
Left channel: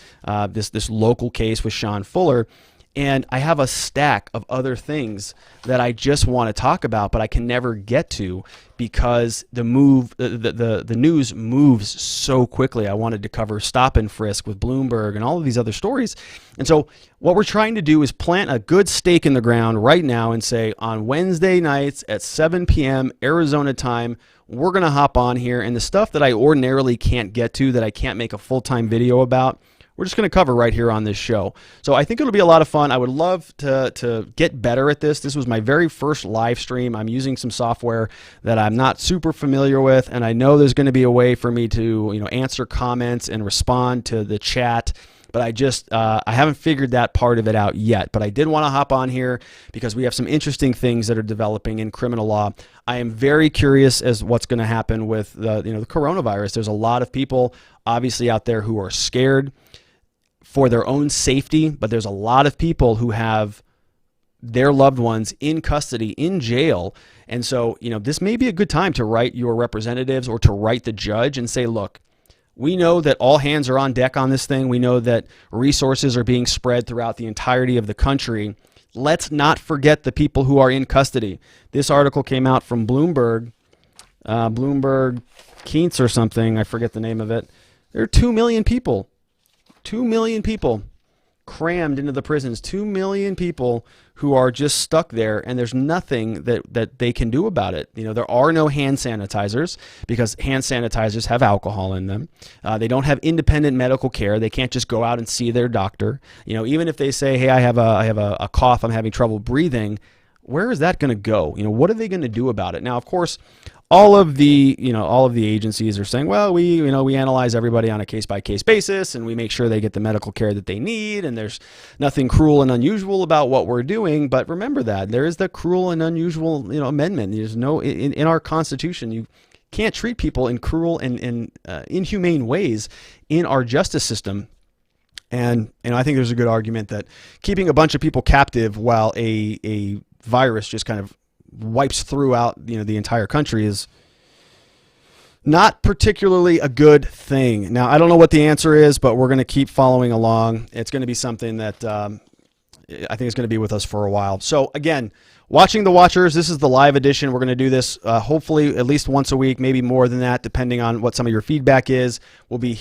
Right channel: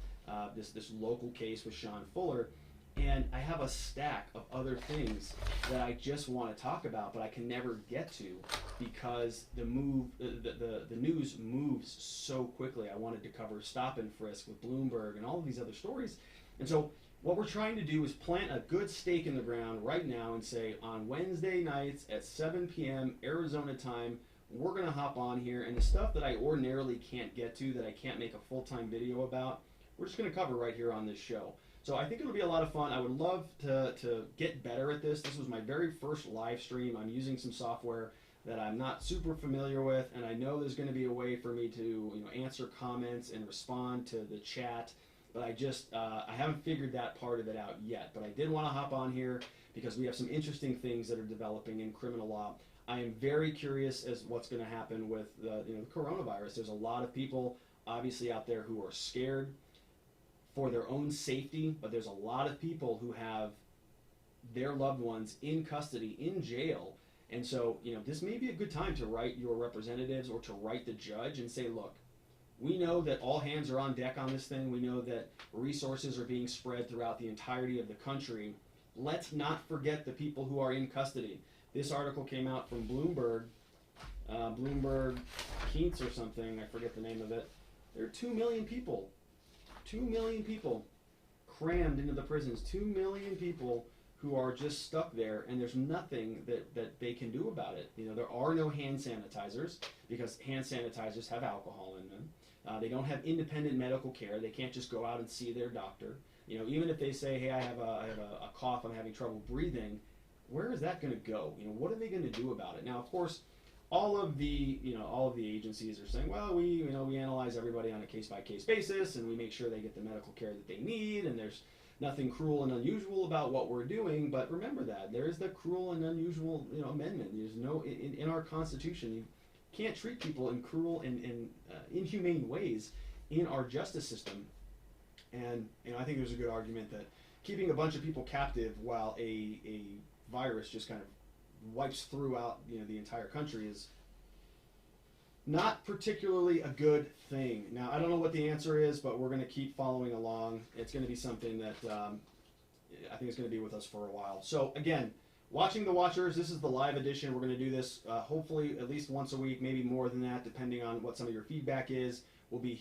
this local case with Sean Fuller. And I have a stack of other things that I just want to talk about, but I can never get to because the news moves so quickly. I wanted to cover stop and frisk with Bloomberg and all of these other stories. And so what we're trying to do is plant a good stake in the ground right now and say on Wednesday nights at 7 p.m. Arizona time, we're going to hop on here, and the stuff that I ordinarily can't get to, that I can't make a full-time video about, we're just going to cover right here on this show. So I think it'll be a lot of fun. I would love to get better at this. This was my very first live stream. I'm using some software that I'm not super familiar with, and I know there's going to be a way for me to answer comments and respond to the chat. But I haven't figured that part of it out yet. But I did want to hop on here because we have some interesting things that are developing in criminal law. I am very curious as what's going to happen with the coronavirus. There's a lot of people obviously out there who are scared for their own safety, but there's a lot of people who have their loved ones in custody, in jail. And so, this may be a good time to write your representatives or to write the judge and say, look, we know that all hands are on deck on this thing. We know that resources are being spread throughout the entirety of the country. Let's not forget the people who are in custody. This article came out from Bloomberg Keats or something. I forget the name of it. There are 2 million people. 2 million people crammed into the prisons. 2 million people who are just stuck there, and there's nothing that they can do about it. There are no hand sanitizers because hand sanitizers have alcohol in them. They don't have independent medical care. They can't just go out and see their doctor. Even if they say, hey, I have a cough, I'm having trouble breathing, where is that going to go? What are they going to do about it? Now, of course, all of the agencies are saying, well, we analyze everybody on a case-by-case basis, and we make sure they get the medical care that they need, and there's nothing cruel and unusual about what we're doing. But remember that there is the cruel and unusual, amendment. There's no in our Constitution, you can't treat people in cruel and inhumane ways in our justice system. And I think there's a good argument that keeping a bunch of people captive while a virus just kind of wipes throughout the entire country is not particularly a good thing. Now, I don't know what the answer is, but we're going to keep following along. It's going to be something that I think is going to be with us for a while. So again, watching the Watchers, this is the live edition. We're going to do this hopefully at least once a week, maybe more than that, depending on what some of your feedback is. We'll be here